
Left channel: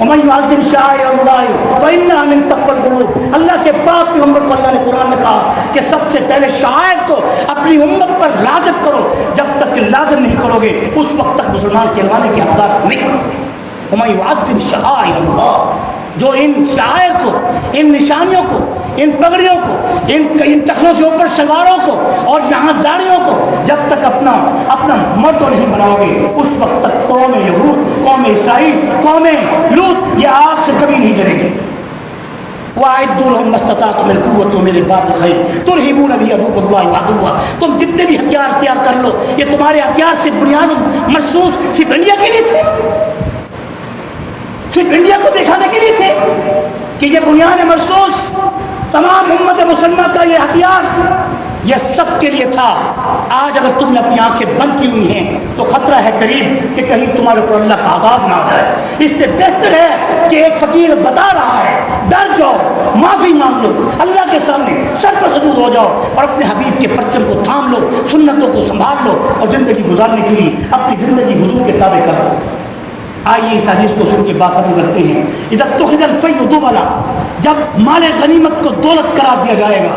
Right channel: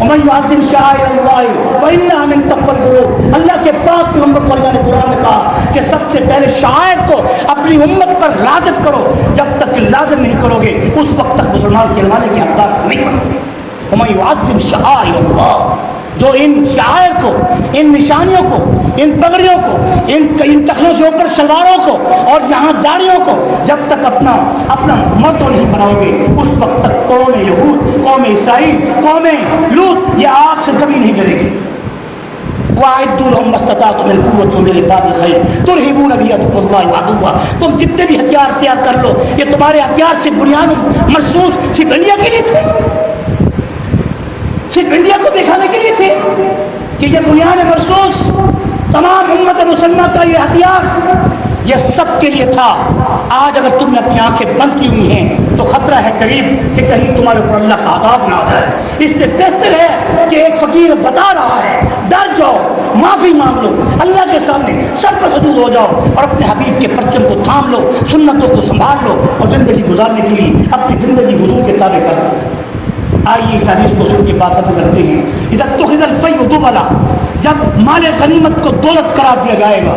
وَمَن يُعَظِّمْ شَعَائِرَ اللَّهِ فَإِنَّهَا مِن تَقْوَى الْقُلُوبِ۔ اللہ کے پاک پیغمبر کو اللہ نے قرآن میں کہا کہ سب سے پہلے شعائر کو اپنی امت پر لازم کرو، جب تک کہ لازم نہیں کرو گے اس وقت تک مسلمان کہلوانے کے حقدار نہیں بنو گے۔ وَمَن يُعَظِّمْ شَعَائِرَ اللَّهِ، جو ان شعائر کو، ان نشانیوں کو، ان پگڑیوں کو، ان ٹخنوں سے اوپر شلواروں کو اور یہاں داڑھیوں کو جب تک اپنا موٹو نہیں بناؤ گے اس وقت تک قوم یہود، قوم اسرائیل، قوم لوط یہ آگ سے کبھی نہیں ڈرے گی۔ وَأَعِدُّوا لَهُم مَّا اسْتَطَعْتُم مِّن قُوَّةٍ وَمِن رِّبَاطِ الْخَيْلِ تُرْهِبُونَ بِهِ عَدُوَّ اللَّهِ وَعَدُوَّهُ، تم جتنے بھی ہتھیار تیار کر لو، یہ تمہارے ہتھیار صرف بنیاد مخصوص صرف انڈیا کے لیے تھے، صرف انڈیا کو دکھانے کے لیے تھے کہ یہ بنیاد مرصوص تمام امت مسلمہ کا یہ ہتھیار یہ سب کے لیے تھا۔ آج اگر تم نے اپنی آنکھیں بند کی ہوئی ہیں تو خطرہ ہے قریب کہ کہیں تمہارے اوپر اللہ کا عذاب نہ آ جائے۔ اس سے بہتر ہے کہ ایک فقیر بتا رہا ہے، ڈر جاؤ، معافی مانگ لو، اللہ کے سامنے سر پر سجود ہو جاؤ اور اپنے حبیب کے پرچم کو تھام لو، سنتوں کو سنبھال لو اور زندگی گزارنے کے لیے اپنی زندگی حضور کے تابع کر لو۔ آئیے اس حدیث کو سن کے بات ختم کرتے ہیں۔ اذا اتخذ الفیء دولا، جب مال غنیمت کو دولت قرار دیا جائے گا،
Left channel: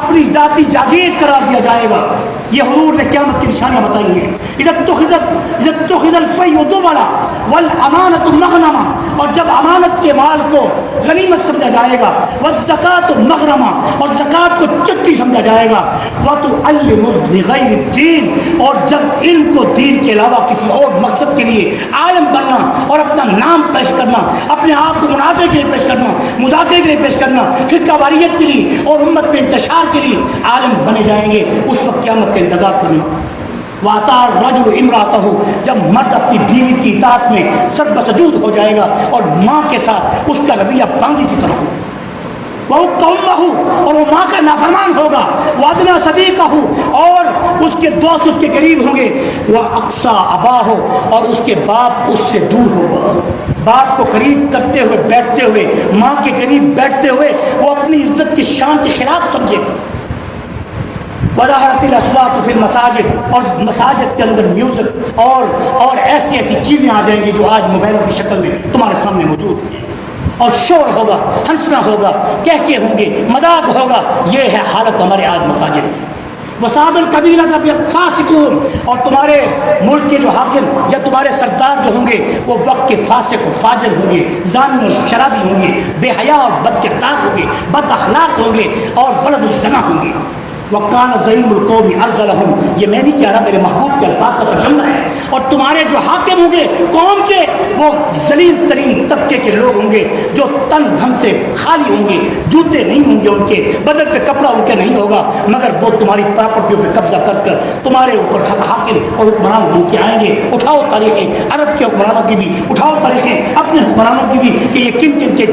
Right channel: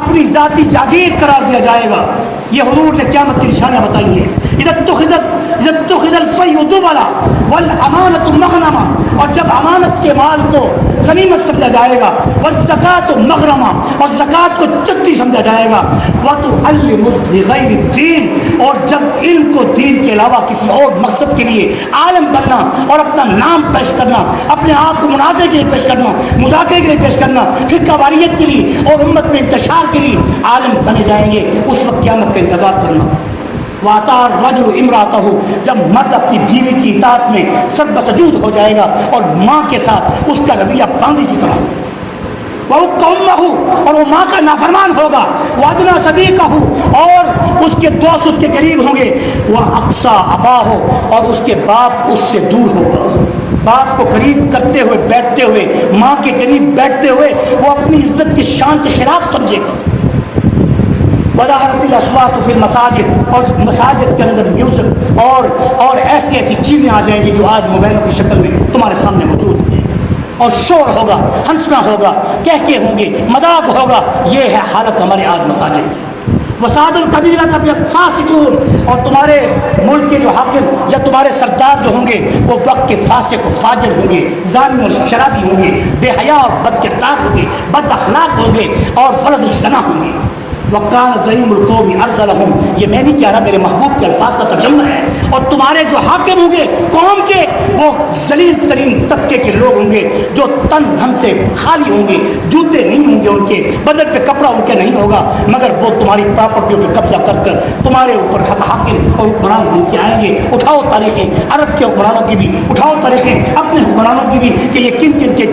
اپنی ذاتی جاگیر قرار دیا جائے گا، یہ حضور نے قیامت کی نشانیاں بتائی ہیں۔ اذا اتخذ الفیء دولا والامانۃ مغنما، اور جب امانت کے مال کو غنیمت سمجھا جائے گا، والزکوٰۃ مغرما، اور زکوٰۃ کو چٹی سمجھا جائے گا، وتعلم لغیر الدین، اور جب علم کو دین کے علاوہ کسی اور مقصد کے لیے عالم بننا اور اپنا نام پیش کرنا، اپنے آپ کو مناظرے کے لیے پیش کرنا، مذاکرے کے لیے پیش کرنا، فرقہ واریت کے لیے اور امت میں انتشار کے لیے عالم بنے جائیں گے، اس وقت قیامت کا انتظار کرنا۔ وَأَطَاعَ الرَّجُلُ امْرَأَتَهُ، جب مرد اپنی بیوی کی اطاعت میں سر بسجود ہو جائے گا اور ماں کے ساتھ اس کا رویہ باندھی کی طرح ہوگا، وَأُمُّهُ، اور وہ ماں کا نافرمان ہوگا، وَأَدْنَىٰ صَدِيقَهُ، اور اس کے دوست اس کے قریب ہوں گے، وَأَقْصَىٰ أَبَاهُ، اور اس کے باپ اس سے دور ہوگا۔ باپ کو قریب کرتے ہوئے بیٹھتے ہوئے، ماں کے قریب بیٹھتے ہوئے وہ اپنی عزت کی شان کے خلاف سمجھے گا۔ وَظَهَرَتِ الْأَصْوَاتُ فِي الْمَسَاجِدِ، اور مساجد کے اندر میوزک اور ایسی چیزیں آ جائیں گی جو آج موبائلوں کی شکل میں تمہارے سامنے موجود ہیں، اور شور ہوگا، ہنسنا ہوگا، کہکے ہوں گے، مذاق ہوگا۔ یہ ہے حالت ہمارے آج مساجد کی۔ وَصَابِ الْقَبِيلَةَ بِالْفَاسِقُونَ، اور تمہارے ملک کے جو حاکم یا تمہارے سردار جو ہوں گے وہ وقت کے فاسق و فاجر ہوں گے، زانی اور شرابی ہوں گے، بے حیا اور بد کردار ہوں گے، بد اخلاق ہوں گے اور ولد الزنا ہوں گے۔ وَكَانَ زَعِيمُ الْقَوْمِ أَرْذَلَهُمْ، یہ میں نہیں کہہ رہا، میرے محبوب کے الفاظ کا ترجمہ ہے۔ اور تمہارے جو حاکم ہوں گے قوم کے، وہ ذلیل ترین طبقے کے لوگ ہوں گے جو تن دھن سے خالی ہوں گے، جوتے نہیں ہوں گے ان کے بدن پہ، کپڑا ان کے نہیں ہوگا، مگر وہ تمہاری پراپرٹیوں پہ قبضہ کر تمہارے اوپر حاکم اور حکمران بن کے آئیں گے. اٹھاؤ تاریخیں عرب کے حکمرانوں کی بھی, اٹھاؤ تاریخیں اپنے حکمرانوں کی بھی, کہ یہ کن کن کے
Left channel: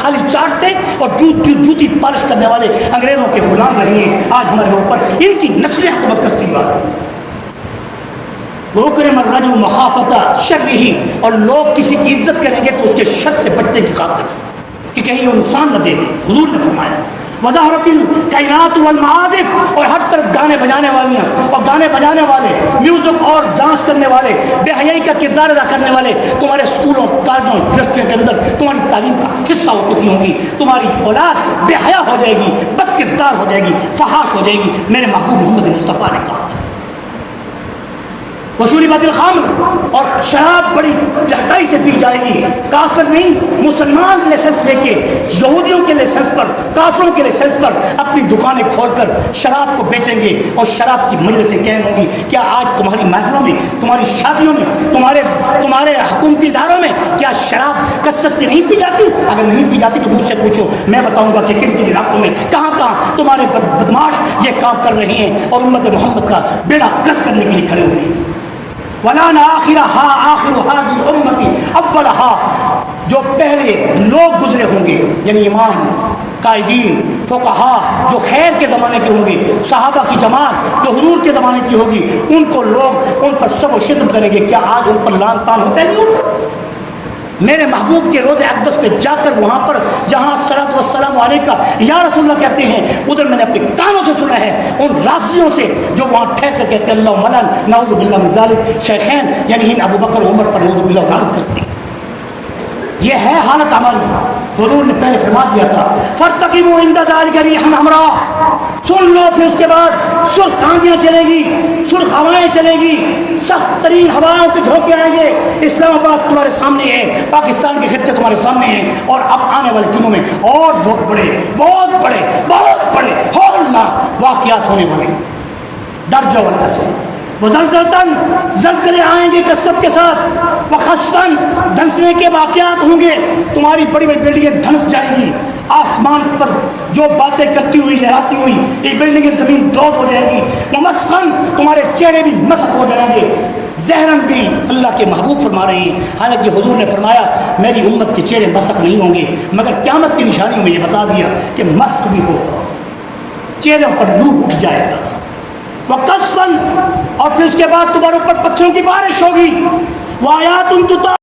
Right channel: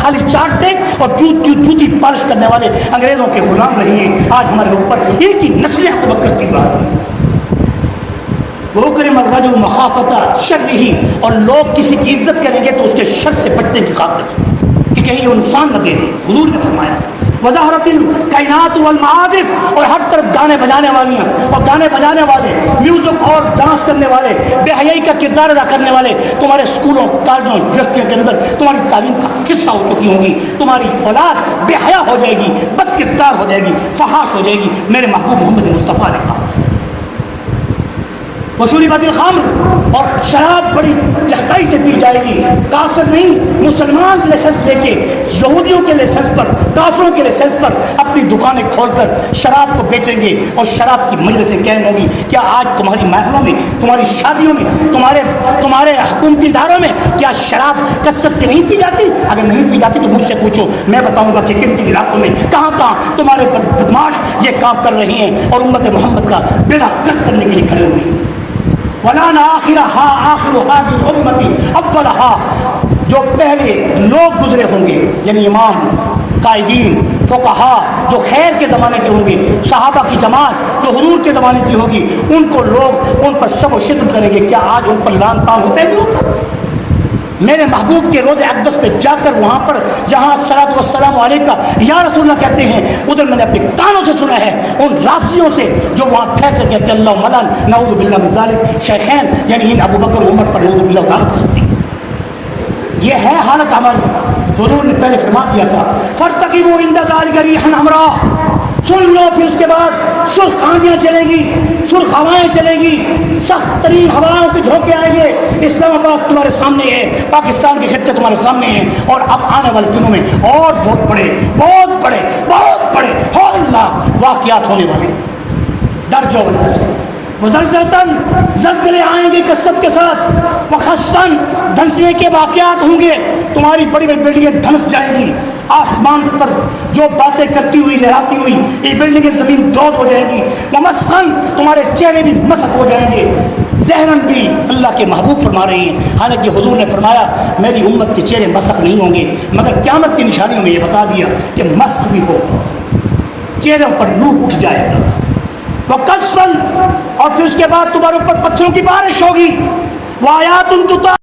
خالی چاٹتے اور جوتی پالش کرنے والے انگریزوں کے غلام رہے ہیں. آج ہمارے اوپر ان کی نسلیں حکومت کرتی ہیں. وہ کرم الرجل مخافت شرہ, اور لوگ کسی کی عزت کریں گے تو اس کے شر سے بچنے کی خاطر کہ کہیں وہ نقصان نہ دے. حضور نے فرمایا وظہرت الکائنات والمعازف, اور ہر طرف گانے بجانے والیاں اور گانے بجانے والے, میوزک اور ڈانس کرنے والے, بے حیائی کا کردار ادا کرنے والے تمہارے اسکولوں کالجوں یونیورسٹیوں کے اندر تمہاری تعلیم کا حصہ ہو چکی ہوں گی. تمہاری اولاد بے حیا ہو جائے گی, بد کردار ہو جائے گی, فحاش ہو جائے گی. میرے محبوب محمد مصطفیٰ نے کہا وشربت الخمر, اور شراب بڑی جہتائی سے پی جائے گی. کافر نہیں, مسلمان لائسنس لے کے یہودیوں کے لائسنس پر, کافروں کے لائسنس پر اپنی دکانیں کھول کر شراب کو بیچیں گے اور شراب کی مجلسیں قائم ہوگی. کیا آج تمہاری محفلوں میں, تمہاری شادیوں میں, تمہارے حکومتی اداروں میں کیا شراب کثرت سے نہیں پی جاتی؟ اگر نہیں پی جاتی تو مجھ سے پوچھو, میں بتاؤں گا کہ کن کن علاقوں میں کہاں کہاں تمہارے بدماش یہ کام کر رہے ہیں اور امت محمد کا بیڑا غرق کرنے کے لیے کھڑے ہوئے ہیں. وَلَانَ آخِرَهَا آخِرُ هَذِهِ الْأُمَّةِ أَوَّلَهَا, جو پہلے لوگ گزرے ہوں گے یعنی امام, قائدین, فقہا جو خیر کے زمانے کے ہوں گے, صحابہ کی جماعت جو حضور کے زمانے کی ہوگی, ان کو لوگ ان پر سب و شتم کریں گے. کیا آج ان پر لعن طعن ہوتا ہے؟ نہیں ہوتا. میرے محبوب کے روضہ اقدس پہ جا کر وہاں پر جہاں صلاۃ والسلام علیہ کا یا رسول اللہ کہتے ہیں, ادھر میں نے اپنے کانوں سے سنا ہے ان رافضیوں سے جو وہاں ٹھہر کر کہتے ہیں اللہ ملن نعوذ باللہ من ذالک شیخین, یعنی ان ابو بکر عمر پر نعوذ باللہ لعنت کرتے ہیں. یہ ہے حالت ہماری. حضور نے پہلے فرما دیا تھا فارتقبوا عند ذلک ریحا حمراء, سن لو. پھر اس کے بعد سرخ آندیاں چلے گی, سرخ ہوائیں چلے گی, سخت ترین ہوائوں کے جھونکے آئیں گے. اسلام آباد تمہارے سامنے ہے, پاکستان کے خطے تمہارے سامنے ہیں, اور اب آنے والے دنوں میں اور بہت بڑے ہولناک واقعات ہونے والے. ڈر جاؤ اللہ سے. وزلزلتاً, زلزلے آئیں گے کثرت کے ساتھ. وخسفاً, دھنسنے کے واقعات ہوں گے. تمہاری بڑی بڑی بلڈنگیں دھنس جائیں گی. آسمان پر جو باتیں کرتی ہوئی لہراتی ہوئی یہ بلڈنگیں زمین دود ہو جائے گی. ومسخن, تمہارے چہرے بھی مسخ ہو جائیں گے. زہرن بھی اللہ کے محبوب فرما رہے ہیں, حالانکہ حضور نے فرمایا میری امت کے چہرے مسخ نہیں ہوں گے, مگر قیامت کی نشانیوں میں یہ بتا دیا کہ مسخ بھی ہو, چہروں پر نور اٹھ جائے گا. وقصفاً, اور پھر اس کے بعد تمہارے اوپر پتھروں کی بارش ہوگی. وآیات تُطَاعَ